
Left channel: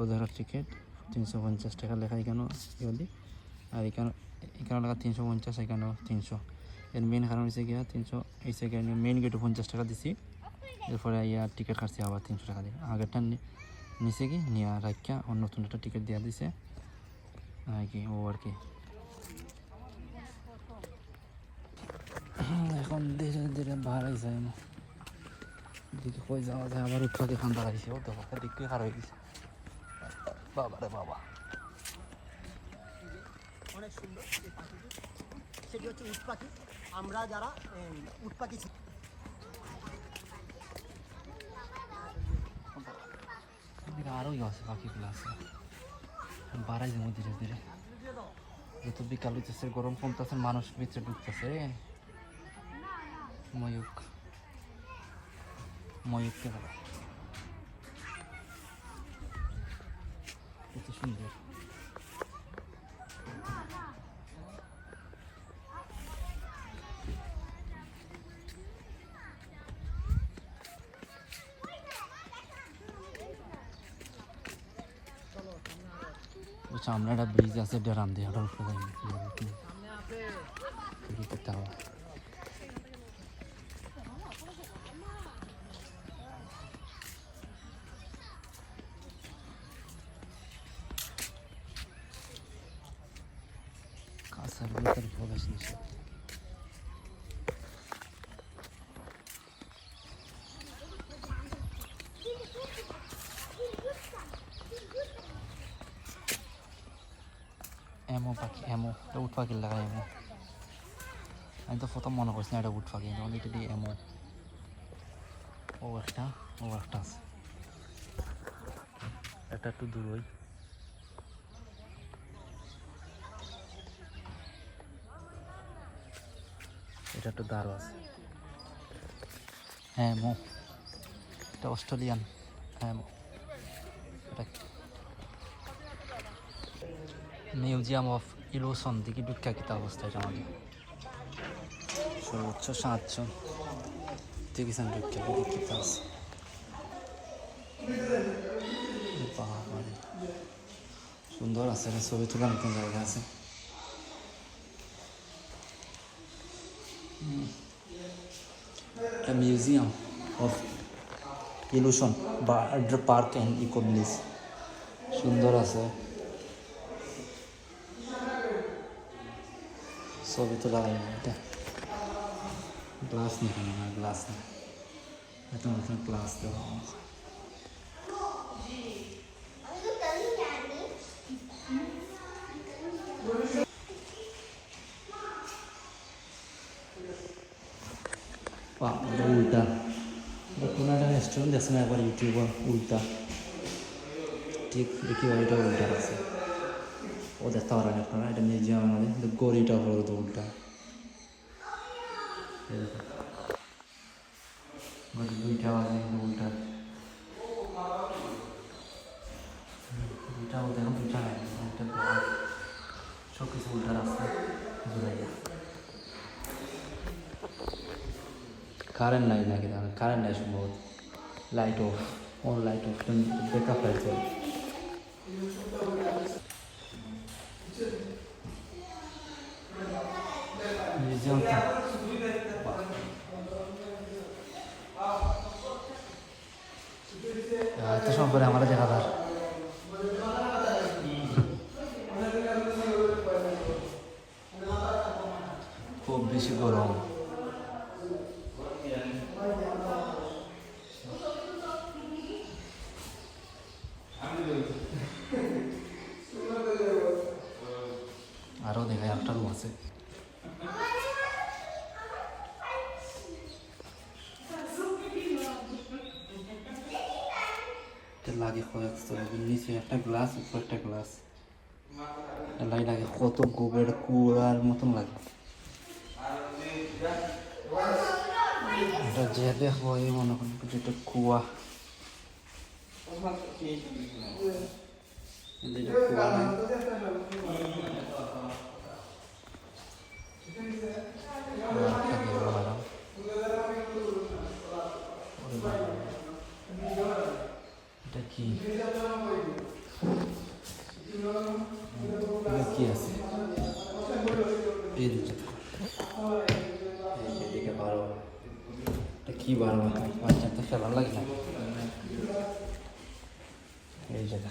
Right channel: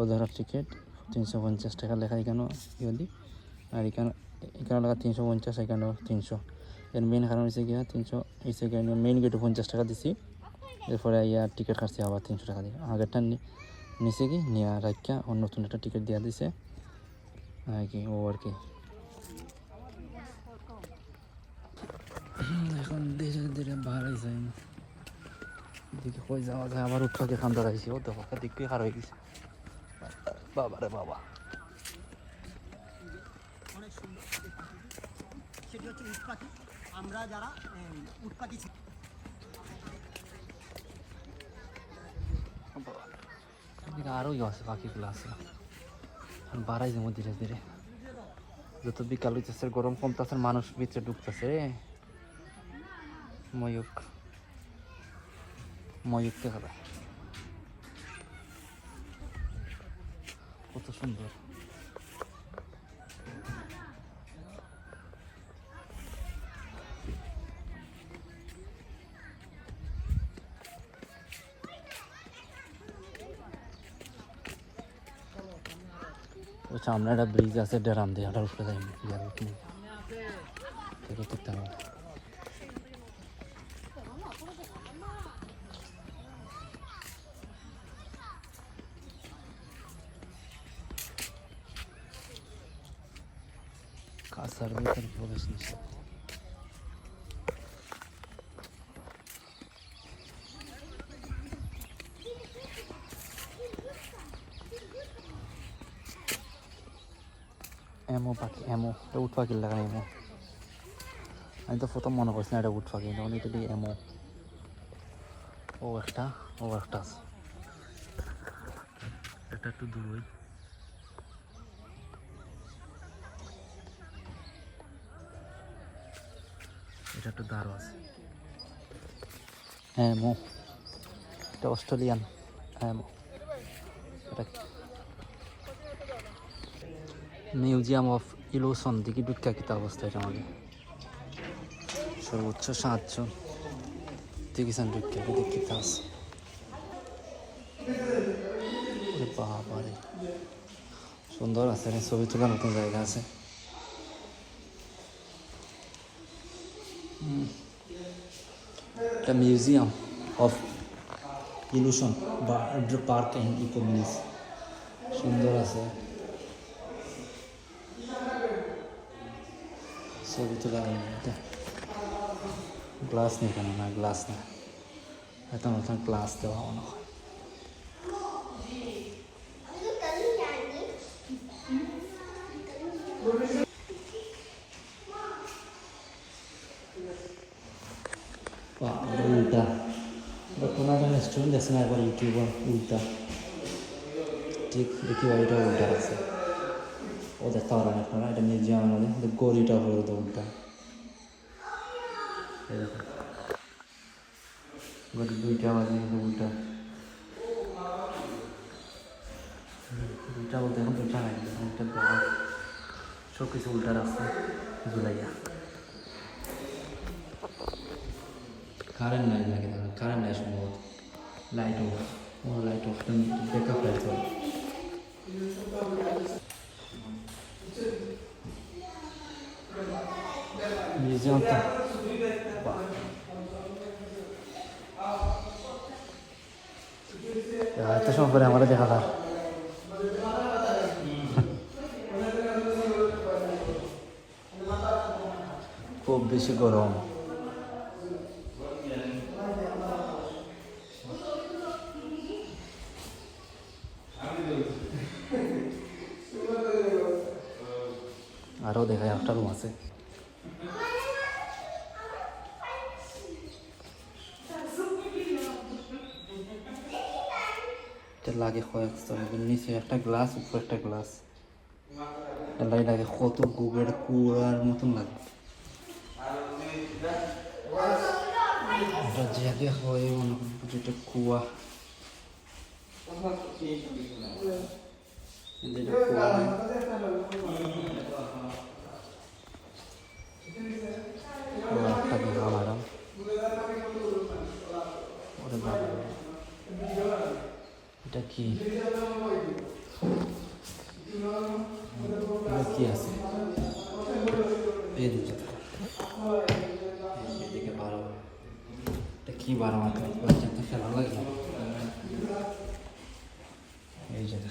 ওদের টিকিট 350 টাকা লেখা এখানেও ইয়ে, আর এখানে লেখা 350, এখানেও 300। এর মেন কারণ হচ্ছে গিয়া 300 এসে গিয়ে মেইন গেটে 50 টাকা দিছি, এরপরে ইয়ার টিকিট কাটছি আবার 300 টাকা দিয়ে। আগেরটা নিচে কি নিয়ে রাখিয়া নতুন একটা টিকিট দেওয়া দিছে আর কি, ও আর কি। এখন ধীরে ধীরে বাড়াই যায় না, দিকে কই যাওয়া যায়। আবার উৎপাকে খান ধরাইছি, ও তো দিকটি খারাপ হয়ে গেছে। বাবা রে বাবা, অনেক সুন্দর সেটি হচ্ছে উট পাখি। আমরা যারা উট পাখি আরও আছে পাখিগুলো আছে, বাড়াই যাবো ধীরে ধীরে। যত বিকাল হইতেছে, গরম কমতেছে, মানুষ ভিতরে ঢুকতেছে। ময়ূক কত সুন্দর। সামনে একটা ব্রিজ আছে, ডেরাম দিয়ে ওটা উঠতে যাই টাওয়ার। কাছার ভেতর প্রবেশ নিষেধ। এমো পাখি, উট পাখি লাগাই। আমি তো প্রথম মনে করছি না এটা উট পাখি, তখন এটা দিয়ে এমো। ও একটা আছে, এটা একটু দূর হই। এটা একটু দাঁড়ো আছে। হ্যাঁ, এটা অস্ট্রেলিয়ান। মিউজিয়াম অফ ইলুশন দিকে বিখ্যাত অবস্থা। এটা বলি সর্বোচ্চ 700 দেখেছেন বিখ্যাত আছে। সুন্দর আছে, ছবি তোলার নতুন জায়গা আছে। The Museum of Illusion Bird Park and Eco Village সুন্দর আছে, ছবি তোলা হয় না। এটা গ্লাস নেই, কেন না গ্লাস নেই, এটা গ্লাস দেওয়া হয়। উল্টা কোনো একটা রেস্টুরেন্ট দেখছে না একবার ইউটিউবার, উল্টা ঠিক দেখি বাড়িটা উল্টা আছে। ও দেখতে পারেন আপনারা, এটা মিউজিয়াম আমাদের গড়িটা হলো তো উল্টা। দুইটা উল্টা, দুইটা ওদের উল্টা নেই, সব কিছু উল্টা রাস্তা ঝুলাইয়া। কারেন্ট নাই নাকি, কারেন্ট নাই সম্ভবত, লাইট অফ। ও light off, backup light off. মিউজিয়ামটা বেশি গরম। আরো দেখে একটা রুম আছে। লাগে নিচে একটা গ্লাস, উপরে একটা গ্লাস লাগে, কত গোবর কুয়ার মতন লাগে। এটা যে দেখো এই মনে করেন যেটা কুয়া, এটা কি কি আছে এই দুটো এদিকে বারো, এটা কি বারো বাচ্চা তো খেলার লাগে না। এই জায়গা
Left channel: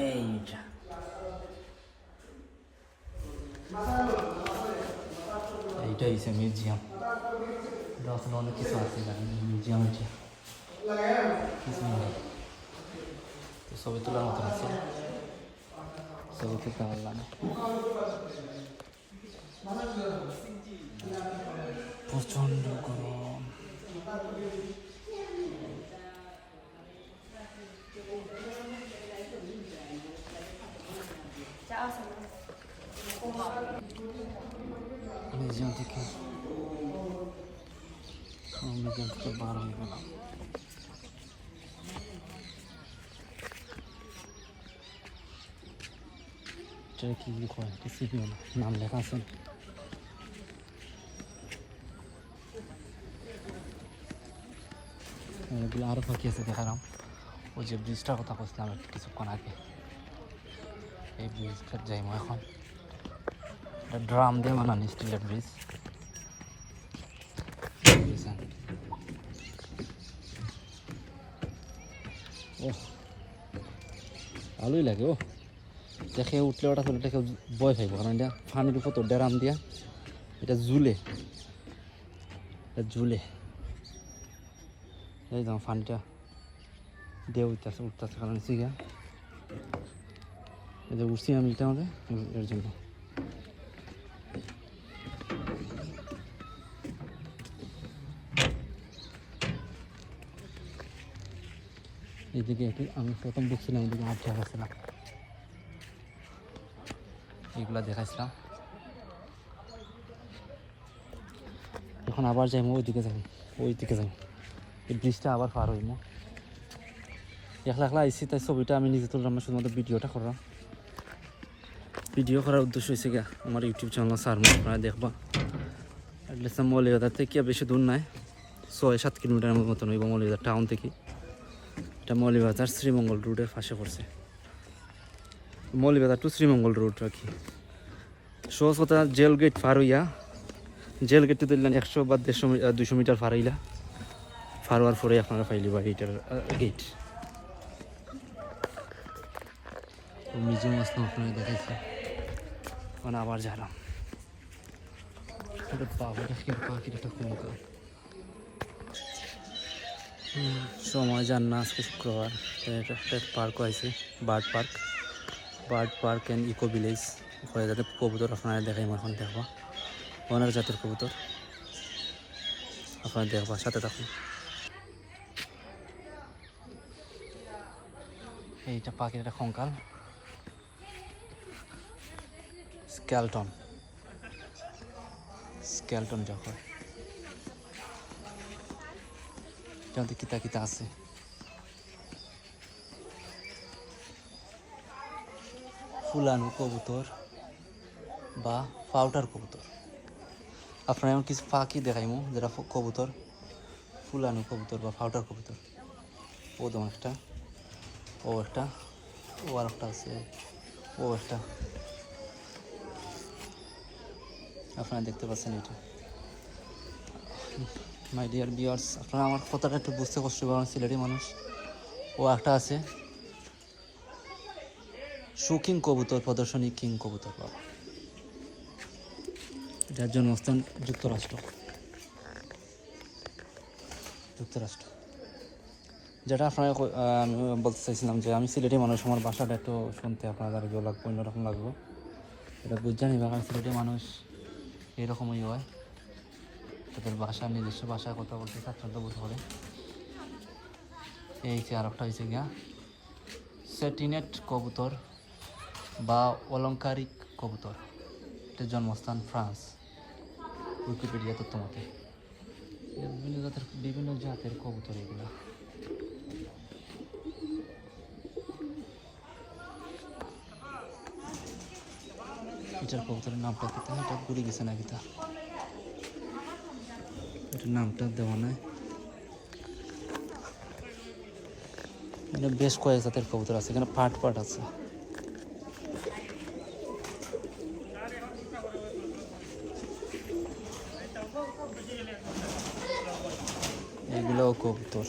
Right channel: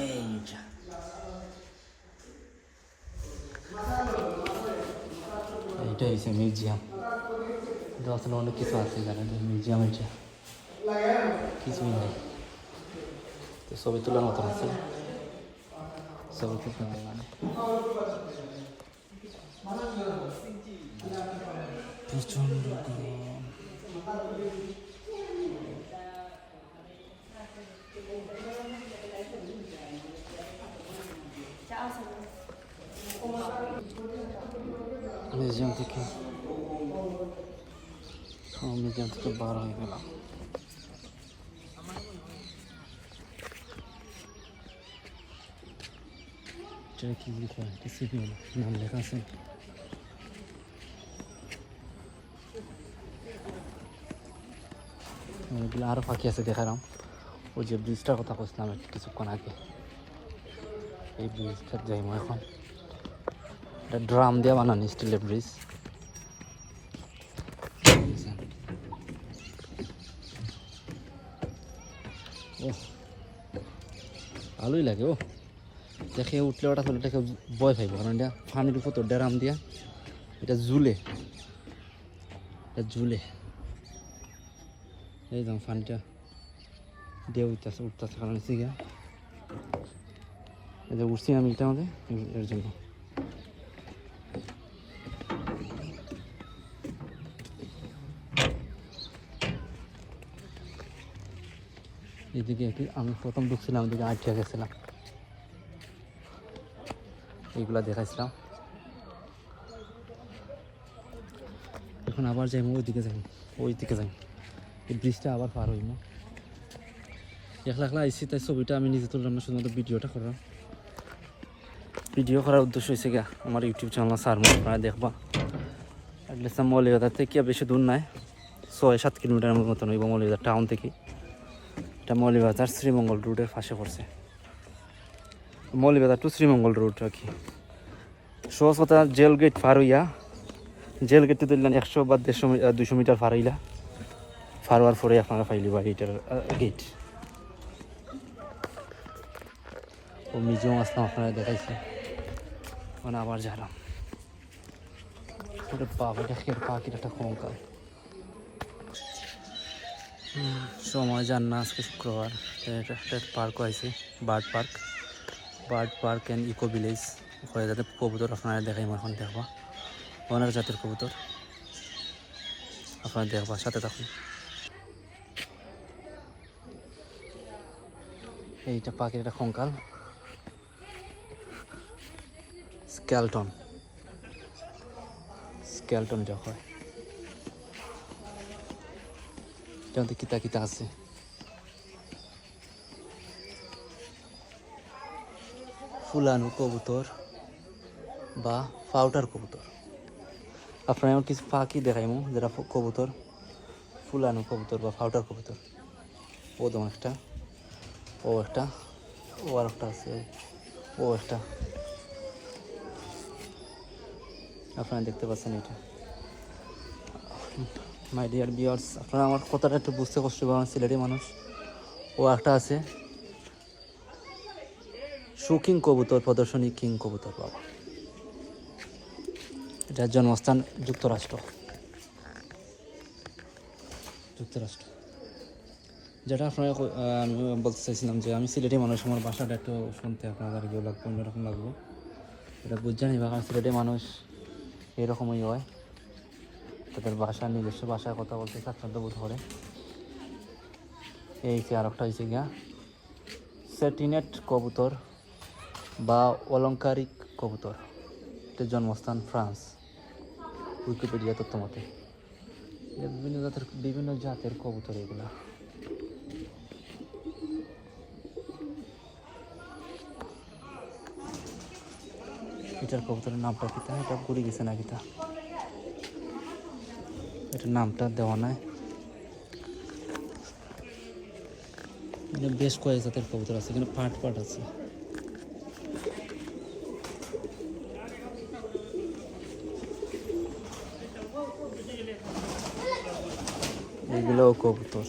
এইটা এইটা হচ্ছে মিউজিয়াম। আসলে অনেক কিছু আছে মিউজিয়াম আছে, কিছু তো ছবি তোলার মতো আছে, ছবি তুলতে পারলাম। প্রচন্ড গরম। মিউজিয়াম থেকে বার হয়ে গেল। এটা কি কয় সিপিএম নাম লেখা আছে। এগুলো আরও ফাঁকি আছে দেখালাম। ওই যে ব্রিজটার কথা বলছিলাম কিছুক্ষণ আগে, এই ব্রিজটা যাই নিয়েছে ড্রাম দিয়ে বানানো স্টিলের ব্রিজ। ও ভালোই লাগে। ও দেখে উঠলে ওটা ফেলে দেখে ভয় পাইব, কারণ এটা পানির উপর তো ড্রাম দিয়া এটা ঝুলে, এই যেমন পানিটা দিয়ে উঠতেছে কারণ সিগা এই যে উঠছি আমি এটা আমাদের এর জন্য। এদিকে আমি প্রথম ঢুকছিলাম, ওদিকে আটকে গেছিলাম, এইগুলা দেখাচ্ছিলাম। এখন আবার যাই ওইদিকে যাই, এই ব্রিজটা আবার পার হইব। একলা আইসি তাই ছবিটা আমি নিজে তুললাম না, শুধুমাত্র ভিডিওটা করলাম। ভিডিও করার উদ্দেশ্য হয়েছে গিয়া আমার ইউটিউব চ্যানেল সারমো, আপনারা দেখবা। এটলিস্ট মৌলিবাজার থেকে বেশি দূর নাই, 6-7 কিলোমিটার মতন হইব মৌলিবাজার টাউন থেকে। এটা মৌলিবাজার শ্রীমঙ্গল রোডের পাশে পড়ছে, মৌলিবাজার টু শ্রীমঙ্গল রোড আর কি। সহজ কথা, জেল গেট পার হইয়া, জেল গেটে দিলেন 100 বা 150-200 মিটার পার হইলা, পার হওয়ার পরে আপনারা পাইলি বা এইটার গেট। ও মিউজিয়াম আসলাম, আপনারা দেখাইছে, মানে আবার যালাম। বাবুটা পাখির একটা কঙ্কাল। সময় যান না, আজকে শুক্রবার, একটা পার্ক আছে, bird park and eco village. ওখানে যাতে কবুতর আপনারা দেখাই, এখন দেখবা অনেক জাতের কবুতর আপনারা দেখবা, সাথে থাকুন। এইটা পাখির একটা কঙ্কাল, স্কেলটন দেখো, এটাতে কিতা আছে। ফুলানো কবুতর বা পাউডার কবুতর, আপনারা কিছু পাখি দেখাইমু যেটা কবুতর, ফুলানো কবুতর বা পাউডার কবুতর। ও দম একটা, ও একটা, ও আরেকটা আছে, ও একটা, আপনারা দেখতে পাচ্ছেন। এটা মাই ডিয়ার ভিউয়ার্স, আপনারা আমার কথাটা একটু বুঝতে পারছি, আমার সিলেটি মানুষ। ও একটা আছে সুকিং কবুতর প্রদর্শনী কিং কবুতর পার্ক। যার জন্মস্থান যুক্তরাষ্ট্র। যেটা আপনারা আমি বলতে চাইছিলাম যে আমি সিলেটি মানুষ, আমার ভাষাটা একটু শুনতে আপনাদের ইয়ে লাগবে, অন্যরকম লাগবে। এটা বুঝে নিবা, কারণ সিলেটি মানুষ এরকমই হয়, তাদের ভাষা নিজস্ব ভাষায় কথা বলতে স্বাচ্ছন্দ্য বোধ করে। এই যে আরেকটা হয়েছে গিয়া সেটিনেট কবুতর বা অলংকারিক কবুতর, এটার জন্মস্থান ফ্রান্স, উইকিপিডিয়া তথ্য মতে। বিভিন্ন জাতের কবুতর এগুলো। এটার কবুতরের নামটা কিতা, এটা ঘুরে গেছে না কিতা, এটার নামটা দেওয়া নাই। এখানে বেশ কয়েক জাতের কবুতর আছে, এখানে পাট আছে। এগুলো কবুতর।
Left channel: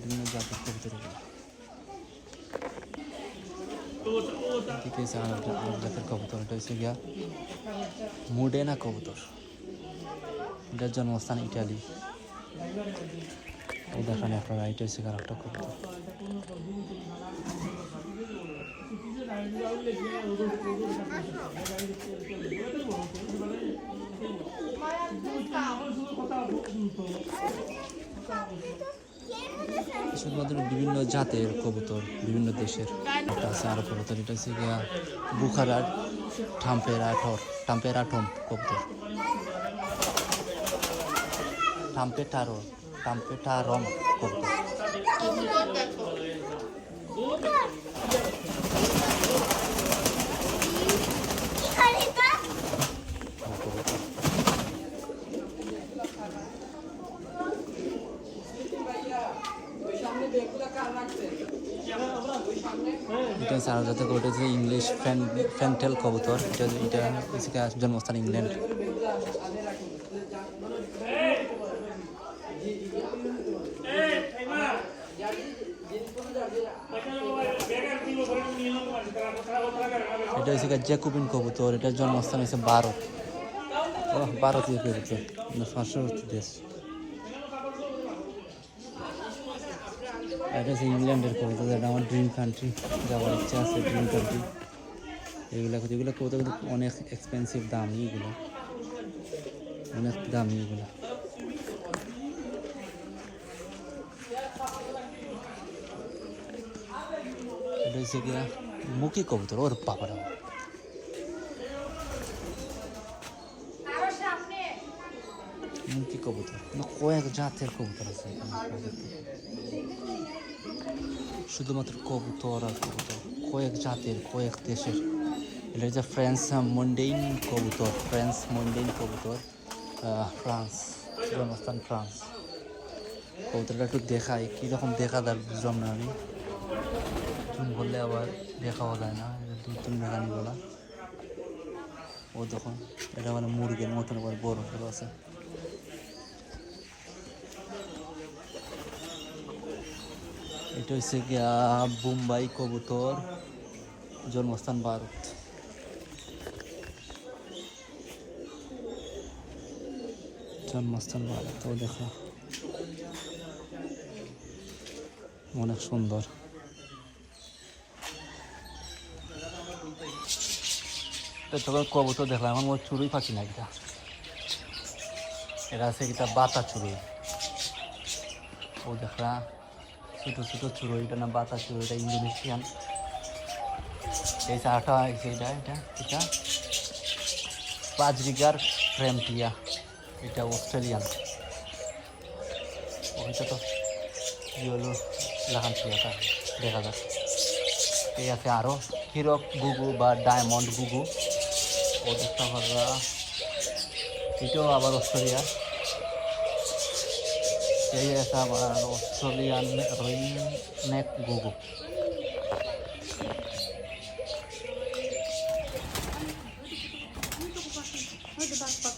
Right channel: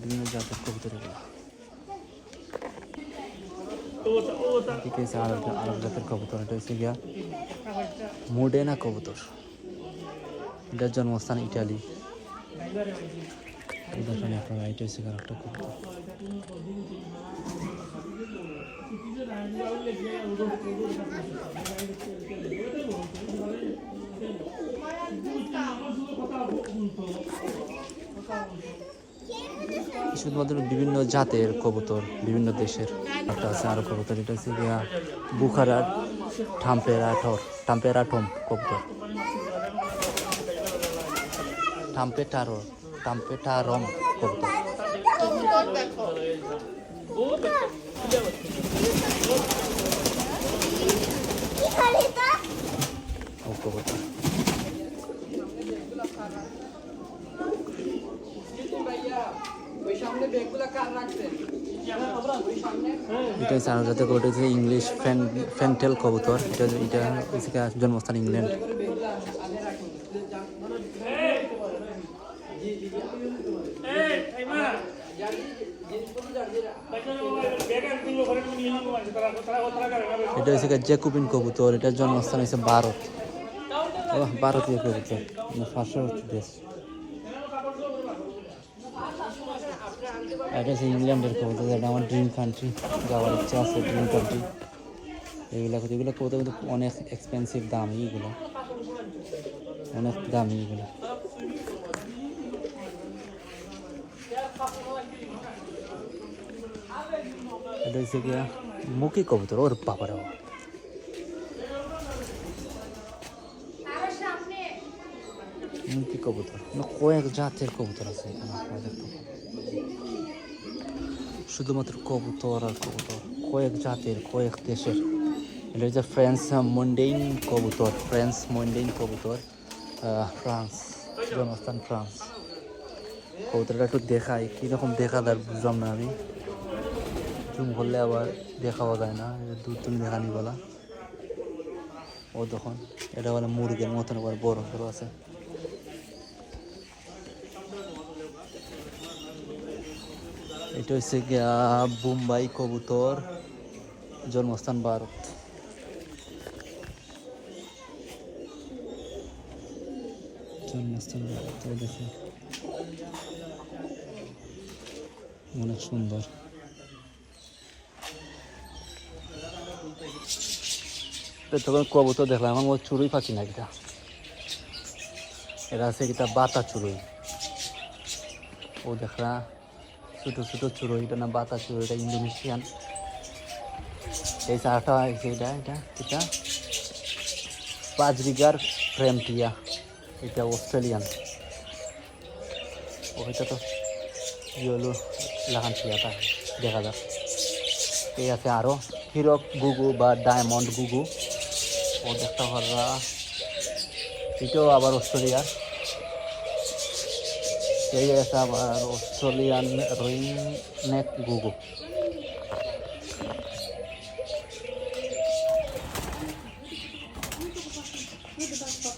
বিভিন্ন জাতের কবুতর এগুলো। জাতের কবুতর, এটা হচ্ছে গিয়া মোডেনা কবুতর, এটার জন্মস্থান ইটালি। দেখেন আপনারা, এটা হচ্ছে আরেকটা কবুতর। শুধুমাত্র বিভিন্ন জাতের কবুতর, বিভিন্ন দেশের একটা আছে আরো কবুতর। এটা হচ্ছে গিয়া বুখারার টাম্পেরাটম কবুতর, টাম্পেটারম কবুতর। এটা হচ্ছে আরো জাতের কবুতর, হচ্ছে ইংলিশ ফ্যান্টেল কবুতর। এটা জন্মস্থান ইংল্যান্ড। এটা হচ্ছে জ্যাকোবিন কবুতর, এটার জন্মস্থান হচ্ছে ভারত। ভারতীয় কবুতর, পার্শ্ববর্তী দেশ। এটা হচ্ছে ইংল্যান্ডের কবুতর, এটা আমার ড্রিম কান্ট্রি, যাওয়ার ইচ্ছা আছে ড্রিম কান্ট্রি। এগুলো কবুতর কিন্তু অনেক এক্সপেন্সিভ, দামি, এগুলো অনেক দামি এগুলো। এটা হচ্ছে গিয়া মুখী কবুতর, ওর বাবারা, মুখী কবুতর। কয়েক জাতের কবুতর আছে শুধুমাত্র কবুতর আর কবুতর, কয়েক জাতের, কয়েক দেশের। এটা হচ্ছে ফ্রেঞ্চ মন্ডেইন কবুতর, ফ্রান্স, জন্মস্থান ফ্রান্স। কবুতরটা একটু দেখাই, কীরকম দেখা যায় বুঝলাম না আমি, জুম করলে আবার দেখাও যায় না, 2-3 দেখানি বলা। ও দেখুন, এটা মানে মুরগের মতন আবার বড় বড় আছে। এটা হচ্ছে গিয়া বোম্বাই কবুতর, জন্মস্থান ভারত। ও দেখো অনেক সুন্দর। তখন কবুতর দেখলাম, আমার ও চুরুই পাচ্ছি না। এটা হচ্ছে কি তার বাতা চুরুই। ও দেখলা ছোটো ছোটো চুরো, এটা না বাতা চুরো, এটা ইন্দোনেশিয়ান। এই চারটা হয়েছে, এটা 5 বিঘার ফ্রেন্টিয়া, এটা অস্ট্রেলিয়ান। এটা তো ইয়েলো লাগাচ্ছে, এটা দেখা যাচ্ছে। এই আছে আরও হিরো বিগু বা ডায়মন্ড বিগু, দেখতে পারবা, এটাও আবার অস্ট্রেলিয়া। এই আছে আবার অস্ট্রেলিয়ান রিং নেক গুগু।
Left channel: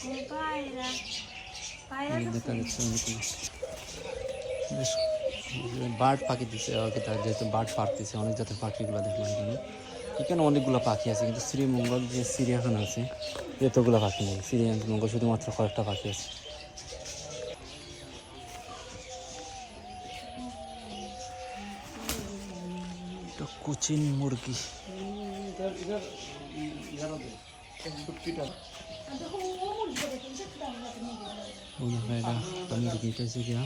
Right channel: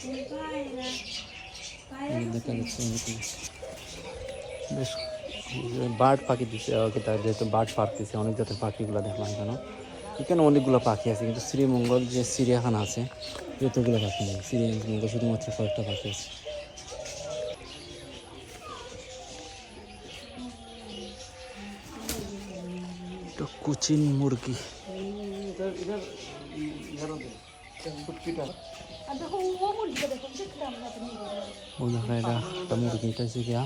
এই দেখা যাচ্ছে অনেকগুলো বেশ বার্ড পাখি দিচ্ছে তার যেহেতু বার্ড পারতেছে অনেক জাতের পাখিগুলো দেখলাম এখানে এখানে অনেকগুলো পাখি আছে কিন্তু শ্রীমঙ্গল যে চিড়িয়াখানা আছে এতগুলো পাখি নেই শ্রীমঙ্গল শুধুমাত্র কয়েকটা পাখি আছে তো কুচিন মুরগি মুরগিটা আছে গিয়া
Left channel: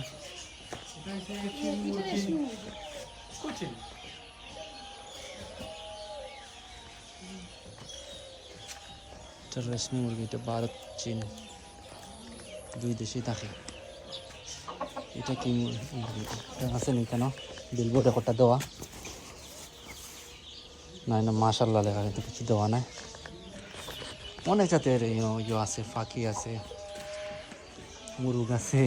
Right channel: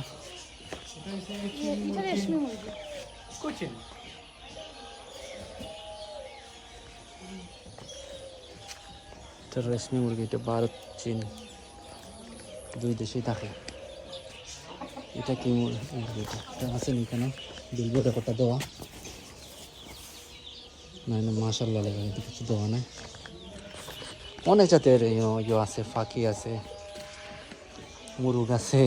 তো রেশমি মুরগিটা ভারত চীন দুই দেশেই থাকে এটা কি মুরগিটা এটা আছে নি কেন বিলবোর্ড একটা দেওয়া না না মাশাআল্লাহ লেখা কিন্তু কিছু দেওয়া নাই অনেক জাতের ইয়ে আছে পাখি আছে মুরগ আছে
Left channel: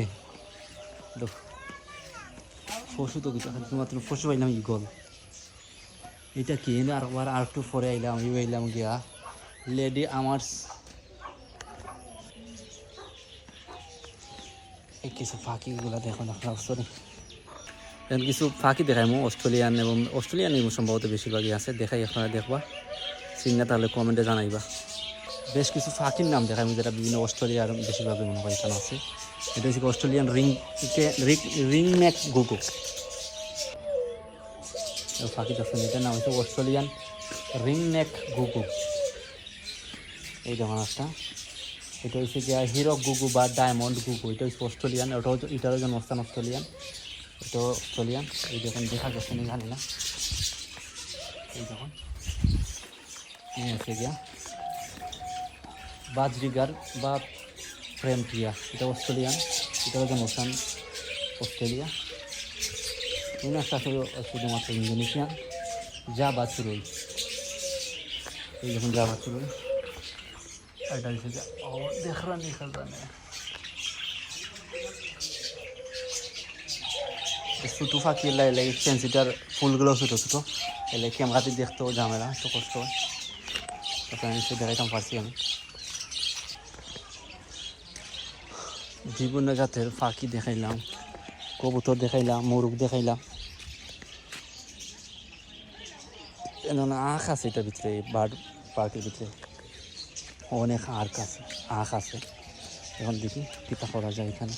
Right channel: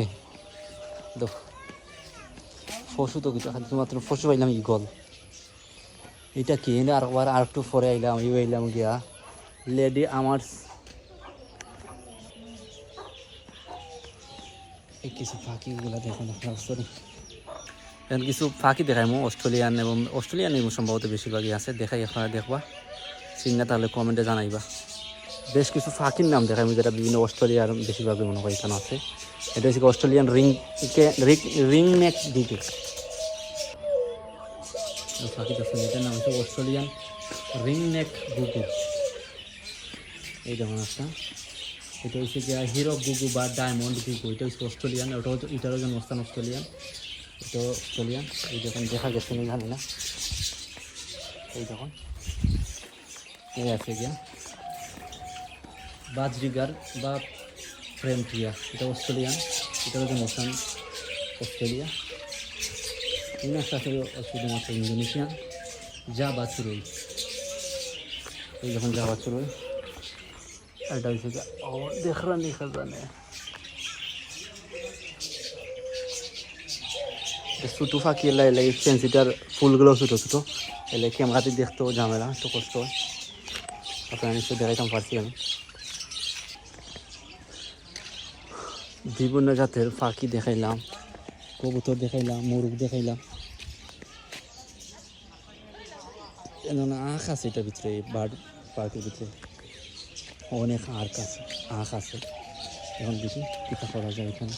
পশু তো কিছু মাত্র পশু পাইলাম ইগল এটা কি আর একটু পরে আইলাম আইলাম গিয়া লেডি আমার্স এই কিছু পাখিগুলো দেখো না সরি এখন কিছু পাখি দেখাই অস্ট্রেলিয়ান এবং অস্ট্রেলিয়ান সম্ভবত বেশিরভাগই আছে দেখাই আপনারা দেখবা চিন্তা তাহলে কমেন্টে জানাইবা বেশ কিছু পাখির নাম দেখাই যেটা বিভিন্ন অস্ট্রেলিয়ার বেশিরভাগই মনে হয় এখানে আছে এটা হচ্ছে অস্ট্রেলিয়ান রিং নেক গুগু পাখিটা শুনে এটার নাম হচ্ছে অস্ট্রেলিয়ান রিং নেক গুগু এই যেমন একটা এটা হচ্ছে গিয়া হিরো গুগু বা ডায়মন্ড গুগু এটা হচ্ছে অস্ট্রেলিয়ান এটারও যেন অবস্থান অস্ট্রেলিয়ান এটা অস্ট্রেলিয়ান এই যখন দেখা গেছে নিয়ে এই দেখুন এই আছে গিয়া বাজরিগার বা প্রেমপ্রিয়া এটা অস্ট্রেলিয়ান এটারও যেন অবস্থান অস্ট্রেলিয়া এই একটা আছে শুধুমাত্র ইন্দোনেশিয়ান জাভা চড়ুই এই যখন জাভা চড়ুই এটা হচ্ছে দেখলাম ছোটো পাখি লাগে ফেন্সিটার ফুলগুলো ছোটো ছোটো এলে ক্যামেরাতে দেখতেও ঝামেলা তো কষ্ট আপনার নিশ্চয় দেখাইতে পারছি আমি বিভিন্ন জাতের পাখি দেখাইলাম কবুতর দেখাইলাম মোরগ দেখাইলাম আখ আছে এটার ভিতরে বার্ড পার্কের ভিতরে অনেক আখ আছে এখন দেখি কিতা করা যায় এখানে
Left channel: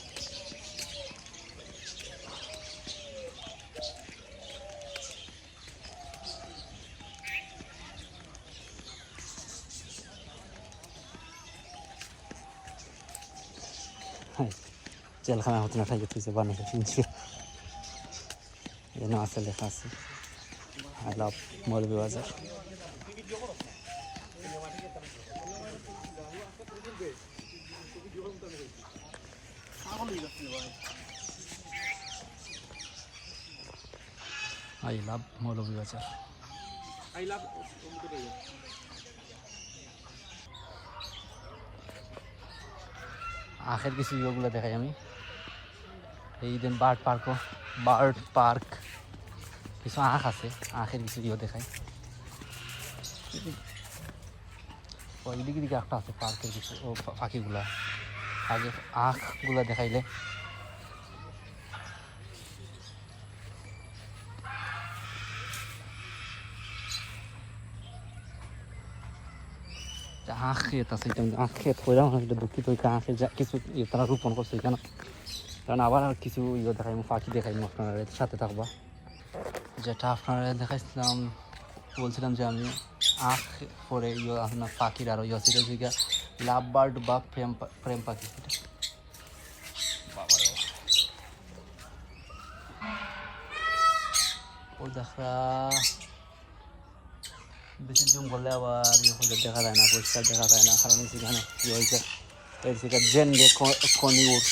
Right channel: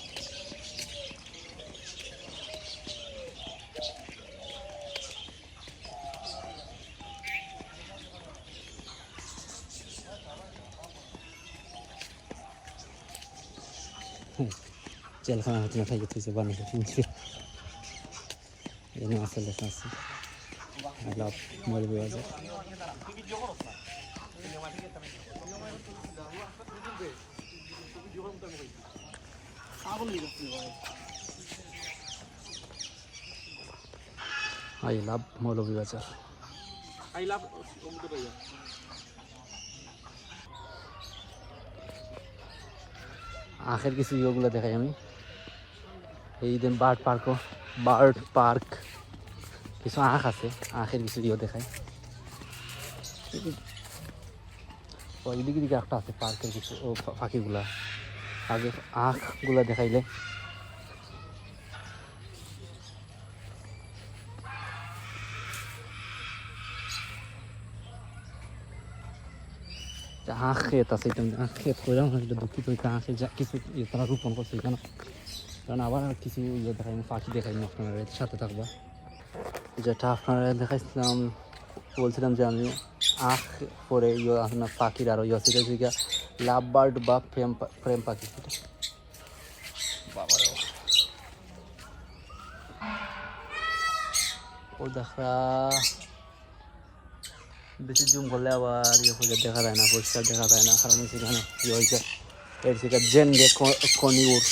জেলখানা হতে না খাইয়ে তুইছে বানিয়ে কিনছিল এখানে আছে লেখা আছে আই লাভ মৌলভী বাজার আই লাভ মৌলভী বাজার আখের কিছু ইয়েগুলো দেখাই আমি এই দিন বার্ড পার্ক কিছু আখ আছে আখের কিছু ইয়ে দেখায় দিকে দিকে আখ আছে পার্কের কিছু পাখিগুলো আগে আখগুলো দেখাইলে আখ ক্ষেত আছে এটা আখ ক্ষেত করে এটা দুঃখিত আখের কিছু তারা রোপণ করছে এখানে কারণ আবার কিছু ইয়ে দেখাই পাখি দেখাই আপনারা সাথে থাকবা যেটা আপনারা দেখাচ্ছিলাম আমি বলছিলাম যে আমি আখ করে ইয়ে আপনার পাখির আরও ইয়ে সেটা হচ্ছে লাভ বার্ড বা প্রেম পাখি ও দেখা বেশি জুম করলে আবার ইয়ে করে দেখা যায় না পরিষ্কার দেখা যায় না কারণ সেখানে ইয়ে হয়েছে এর সেটা জেন যে কনিউর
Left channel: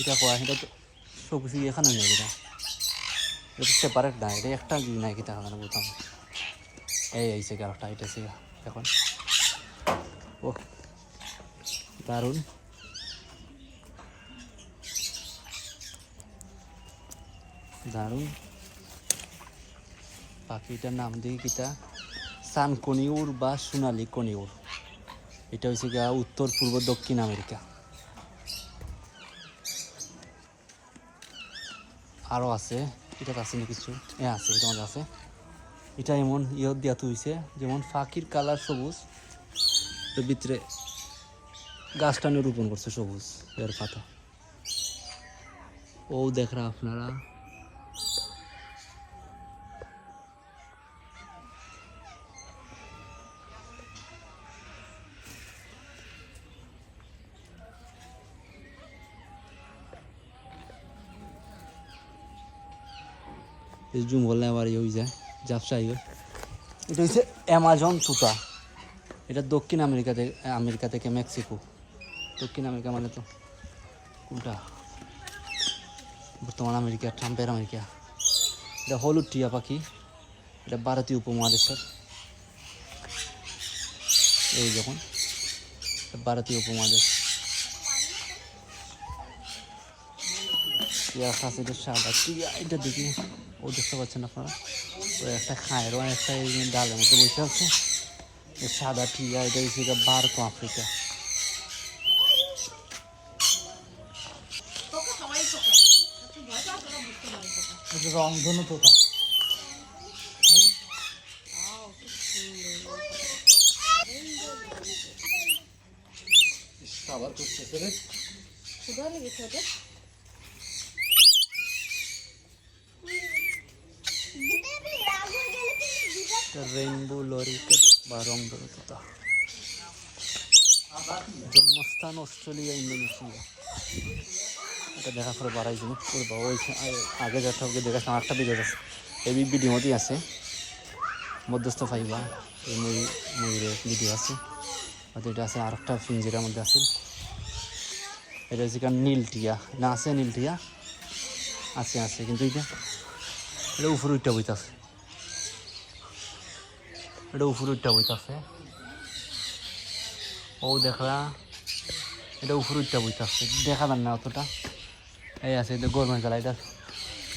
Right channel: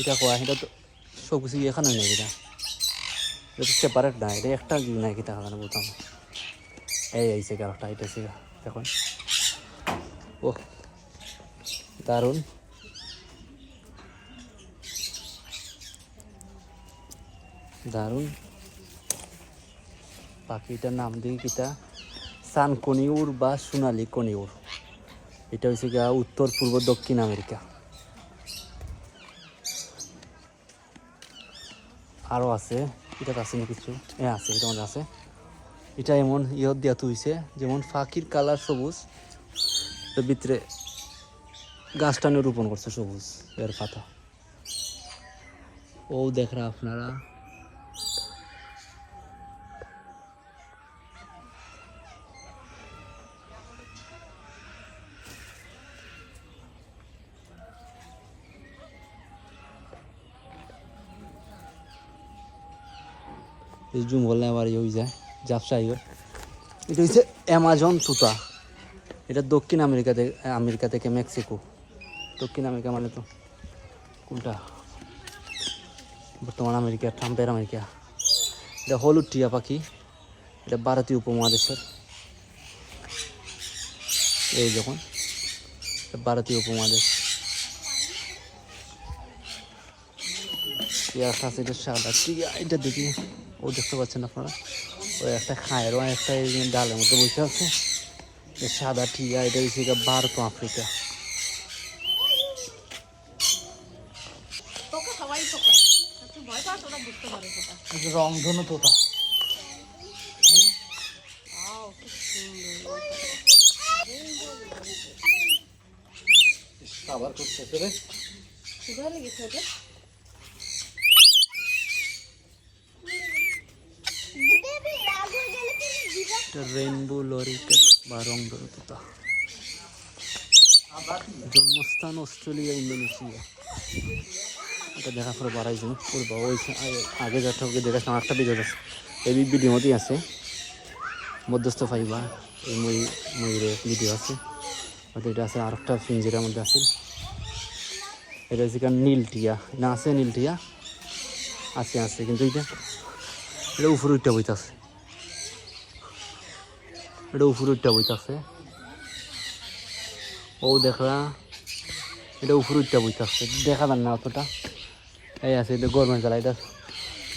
এটা করা সেটা তো সব কিছু এখানে নেই এটা এটা সেপারেট না এটা একটা দিন নাকি টাকা বলতাম এই আইসে গাড়টা এটা সে দেখুন ও দারুণ দারুণ পাখিটার নাম দিই কিটা সান কনিউর বা সোনালি কনিউর এটা হচ্ছে গিয়া উত্তর পূর্ব দক্ষিণ আমেরিকা। আরও আছে, এটা আছে না কিছু, আছে, এটা মধ্যে আছে। এটা এমন ইয়ত দিয়া তুইছে যেমন ফাঁকির কালার সবুজ, এর ভিতরে গাছটানে রোপণ করছে সবুজ এর পাতা। ও দেখরা আপনারা জুম বললে আবার ইয়ে হয়ে যায়, ঝাপসা হয়ে। এটা হচ্ছে অ্যামাজন তুতা। এটা দক্ষিণ আমেরিকা থেকে মেক্সিকো। দক্ষিণ আমেরিকা মানে তো কোনটা? বর্তমান আমেরিকা, ট্রাম্পের আমেরিকা। এটা হলুদ টিয়া পাখি, এটা ভারতীয় উপমহাদেশের। এই দেখুন, ভারতীয় উপমহাদেশ। টিয়া আছে, এটা সাদা টিয়া। এটা দেখি, ও দেখতে পাচ্ছেন আপনারা, ও একটা খায়ের, ও একটা ডালের মধ্যে বসে আছে। সাদা টিয়া, এটা হচ্ছে ভারত আফ্রিকা। রংধনু পোকা। আবার করতেছে রে, রেইনবো লরিকেট বা রংধনু পোকা। জন্মস্থান অস্ট্রেলিয়া, ইন্দোনেশিয়া। এটা দেখা করে বাড়াইছে আগে দেখা দেখাশোনা একটা দিকে গেছে। এই ভিডিও মতোই আছে, মধ্যস্থ পারিলাম এই ময়ূরের ভিডিও আছে। এটা আছে আরেকটা পিঞ্জের মধ্যে আছে। এটা হচ্ছে নীল টিয়া, না আছে নীল টিয়া, আছে কিন্তু এটা উপরে উঠটা বইতেছে, এটা উপরে উঠটা বইতেছে। ও দেখা, এটা উপরে উঠটা বইতেছে, দেখা যান না অতটা। এই আছে, এটা গভর্নমেন্ট জ্বালা, এটা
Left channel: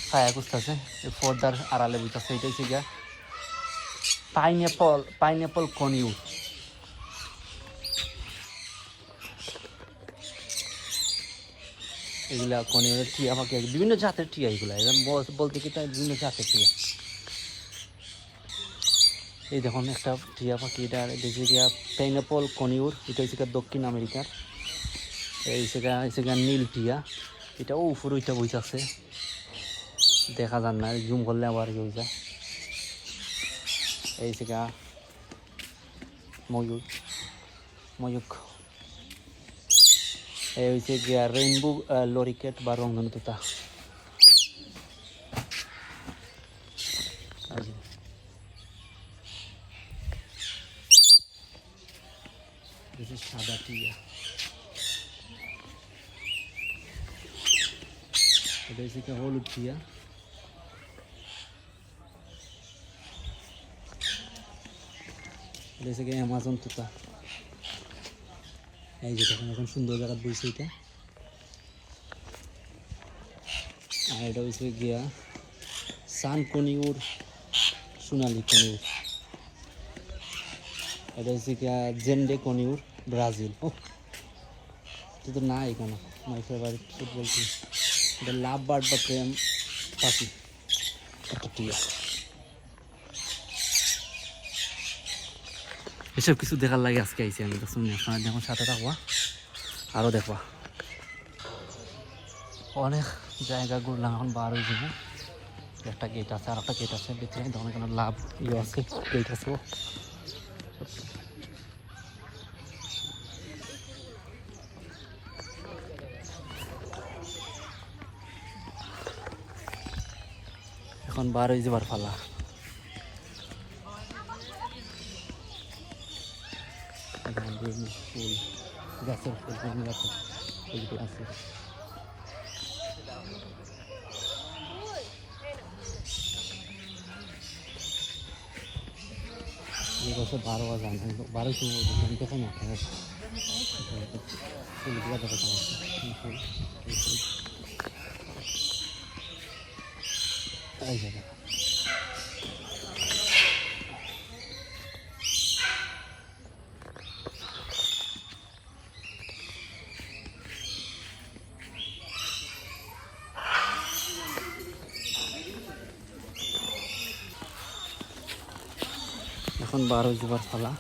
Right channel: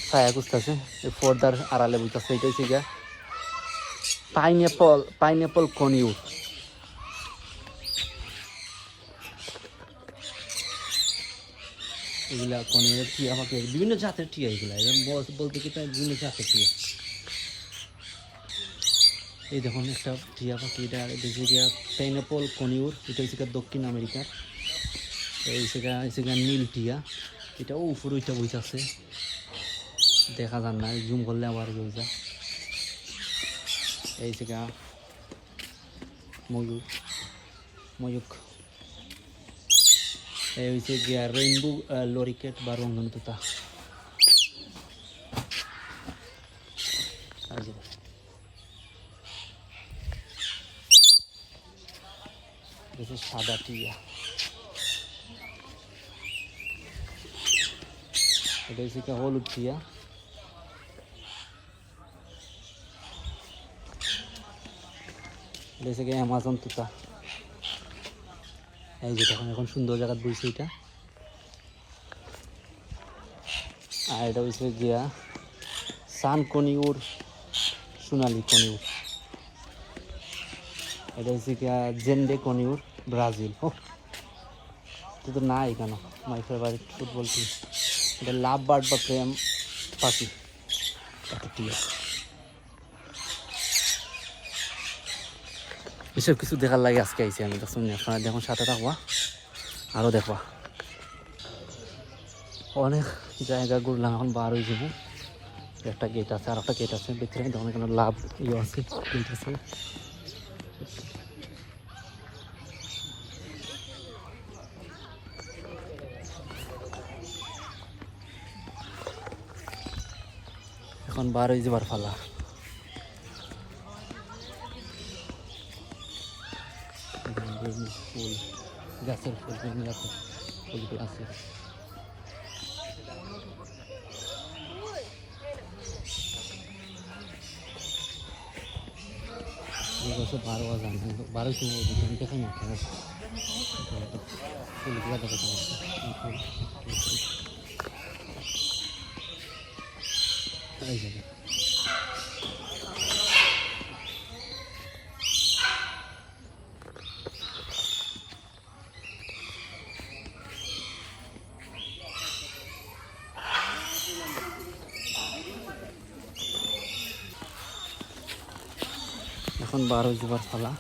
ছায়া খুঁজতেছে, এই পর্দার আড়ালে বইতেছে। এটা হচ্ছে গিয়া পাইনঅ্যাপল কনিউর। এগুলা কনিউরের টিয়া পাখি, বিভিন্ন জাতের টিয়া এগুলা। বলতে কি তাই বিভিন্ন জাতের টিয়া। এই দেখুন একটা টিয়া পাখি, এটা হচ্ছে গিয়া পাইনঅ্যাপল কনিউর। এটা হচ্ছে দক্ষিণ আমেরিকার। এই সেখানে নীল টিয়া, এটাও উপরে ওইটা বইতেছে, দেখা যান না, জুম করলে আবার বইটা। এই সেখানে ময়ূক। এই হচ্ছে গিয়া রেইনবো লরিকেট বা রংধনু তোতা। সাদা টিয়া, এটা হচ্ছে হলুদ টিয়া। এটা হচ্ছে অ্যামাজন তুতা। এই যে তখন এখন সুন্দর জায়গা বইছে এটা। আর এটা হচ্ছে গিয়া সান কনিউর, সোনালি কনিউর। এটা হচ্ছে গিয়া জেন্ডে কনিউর, ব্রাজিল। ও এটা তো না এখানে মাই ফেভারিট ফুটবল টিম। এটা লাভ বার্ড বা প্রেম পাখি একটা টিয়া। এসব কিছু দেখার লাগে আজকে আইছি আমি। দেখুন আপনারা দেখুন, সাথে থাকবা, আরও দেখবা। অনেক জায়গা ঘুরলাম, এখন বার হয়ে যাবে। একটা গেট আছে, আর একটা গেট আছে, দেখতে পাবেন তখন এখানে লাভ ইয়ে আছে, গেট আছে। এখন বার হয়ে যাবার ফালা। ফুল, গাছের ফুল, গাছের ফুলগুলো আছে। বছর 12 সময় দেখাই না ফুলগুলো দেখা এই জায়গা। এখন 12 জুমার ফলা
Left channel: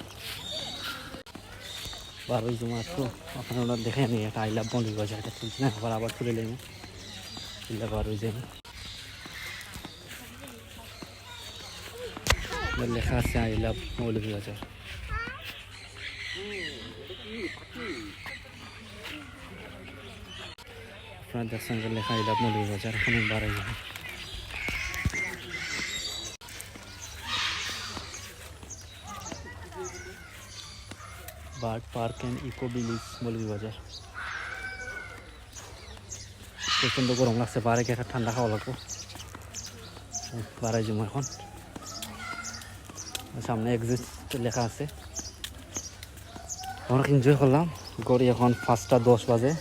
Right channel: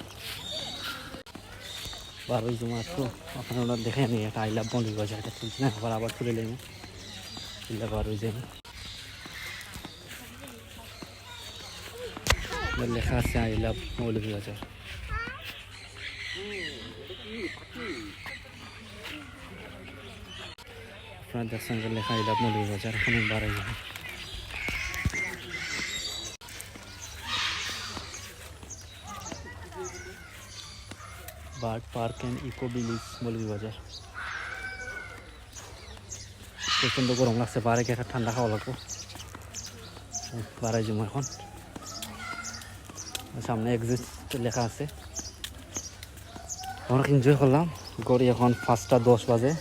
12 জুমার তো আপনারা দেখে নিই একটা আই লাভ মৌলভী বাজার এটা তুলছি না আবার তুলে নেব 12 জুমা লেখা আছে আই লাভ মৌলভী বাজার আপনারা দেখছেন যে লেখা আই লাভ মৌলভী বাজার এখন 12 জুমা bird park and eco village Moulvibazar প্রচণ্ড গরম লাগছে বারে একটা ঠান্ডা খাওয়া লাগবো 12 জুমা এখন সামনে এক্সিট লেখা আছে অনেক এনজয় করলাম গড়ি এখন 5:10 বাজে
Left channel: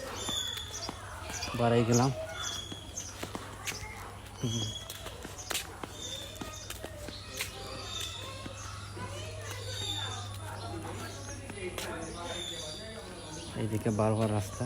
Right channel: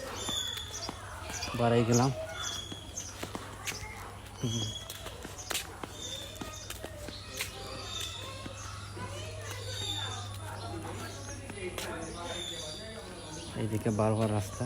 বাড়াই গেলাম এইদিকে বারবার রাস্তা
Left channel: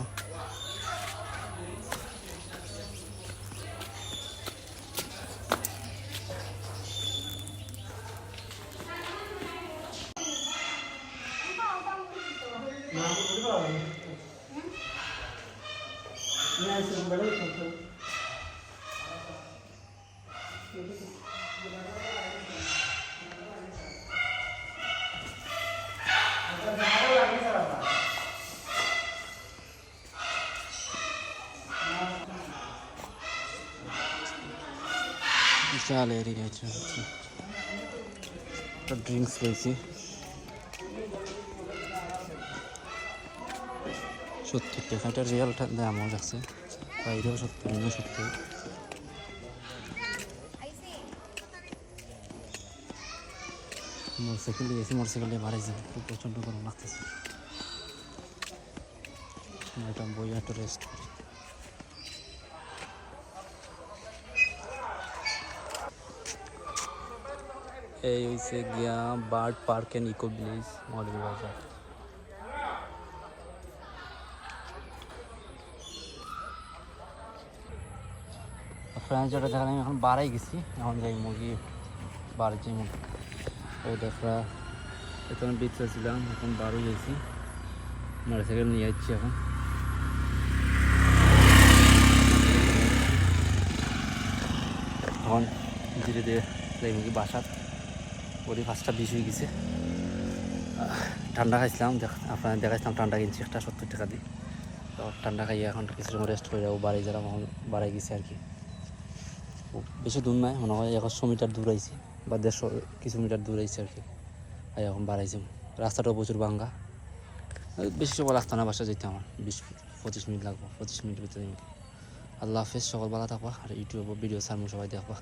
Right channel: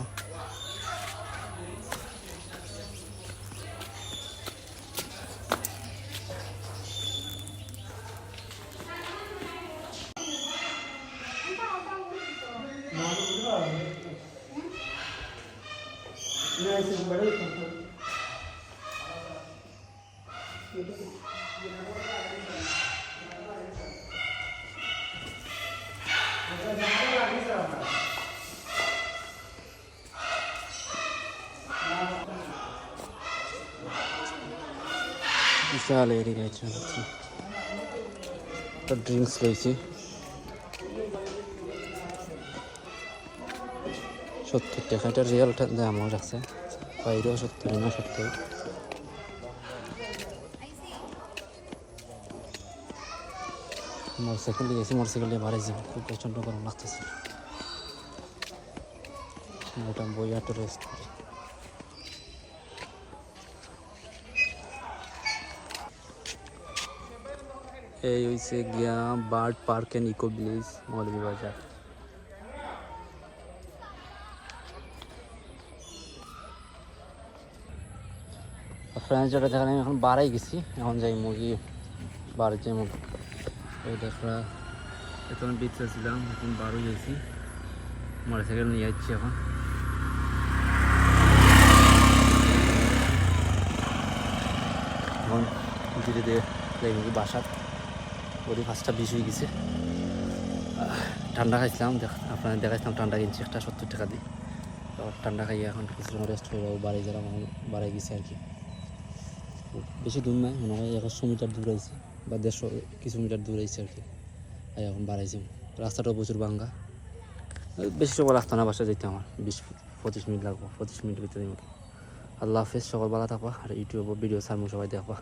বিশাল এরিয়া আছে ড্রিঙ্কস রয়েছে 70 টাকা এটা রিয়ালটা দাম আছে বাইরে 70 না 70 মোটরসাইকেল দিয়েছি মোটরসাইকেল দিয়ে বাড়াইছি খুব প্রচণ্ড গরম লাগতেছে এটা বইয়া তো রোস্ট এই হচ্ছে গিয়া bird park and eco village Moulvibazar আপনার জায়গা যেখানে আমি এখন বাড়াই গেছি এখন যাই নাকি বাড়িতে আমি ওই দেখা এখন বিচে ছিলাম এখন বারো গেছি মোটরসাইকেল নিয়ে যাচ্ছি এখন ধীরে ধীরে যাই নাকি বাসাত ওই 5:20 হয়ে গেছে ঠান্ডা খাইছিলাম আপনার দেখাইছিলাম ঠান্ডা কিনছি একটা 70 টাকা দিয়ে তো ঠান্ডা খাইয়ে এখন কিছু রেস্ট করে যাবো বাড়ি যারা বাড়াই গেছে আর কি বেশি দূর নয় মনে হয় 100 মিটার দূর আইছি বা 150 কিছু মিটার দূর আইছি আর কি এখন বাড়াইছি রাস্তাটাও প্রচুর ভাঙ্গা বেশি সময় লাগতো না বাসা যেতে আমার 20-25 মিনিট লাগবে 25 মিনিট ভিতরে আল্লাহ হাফেজ সকল ভালো থাকবা আর ইউটিউবে ভিডিও সামনে সবাই দেখবা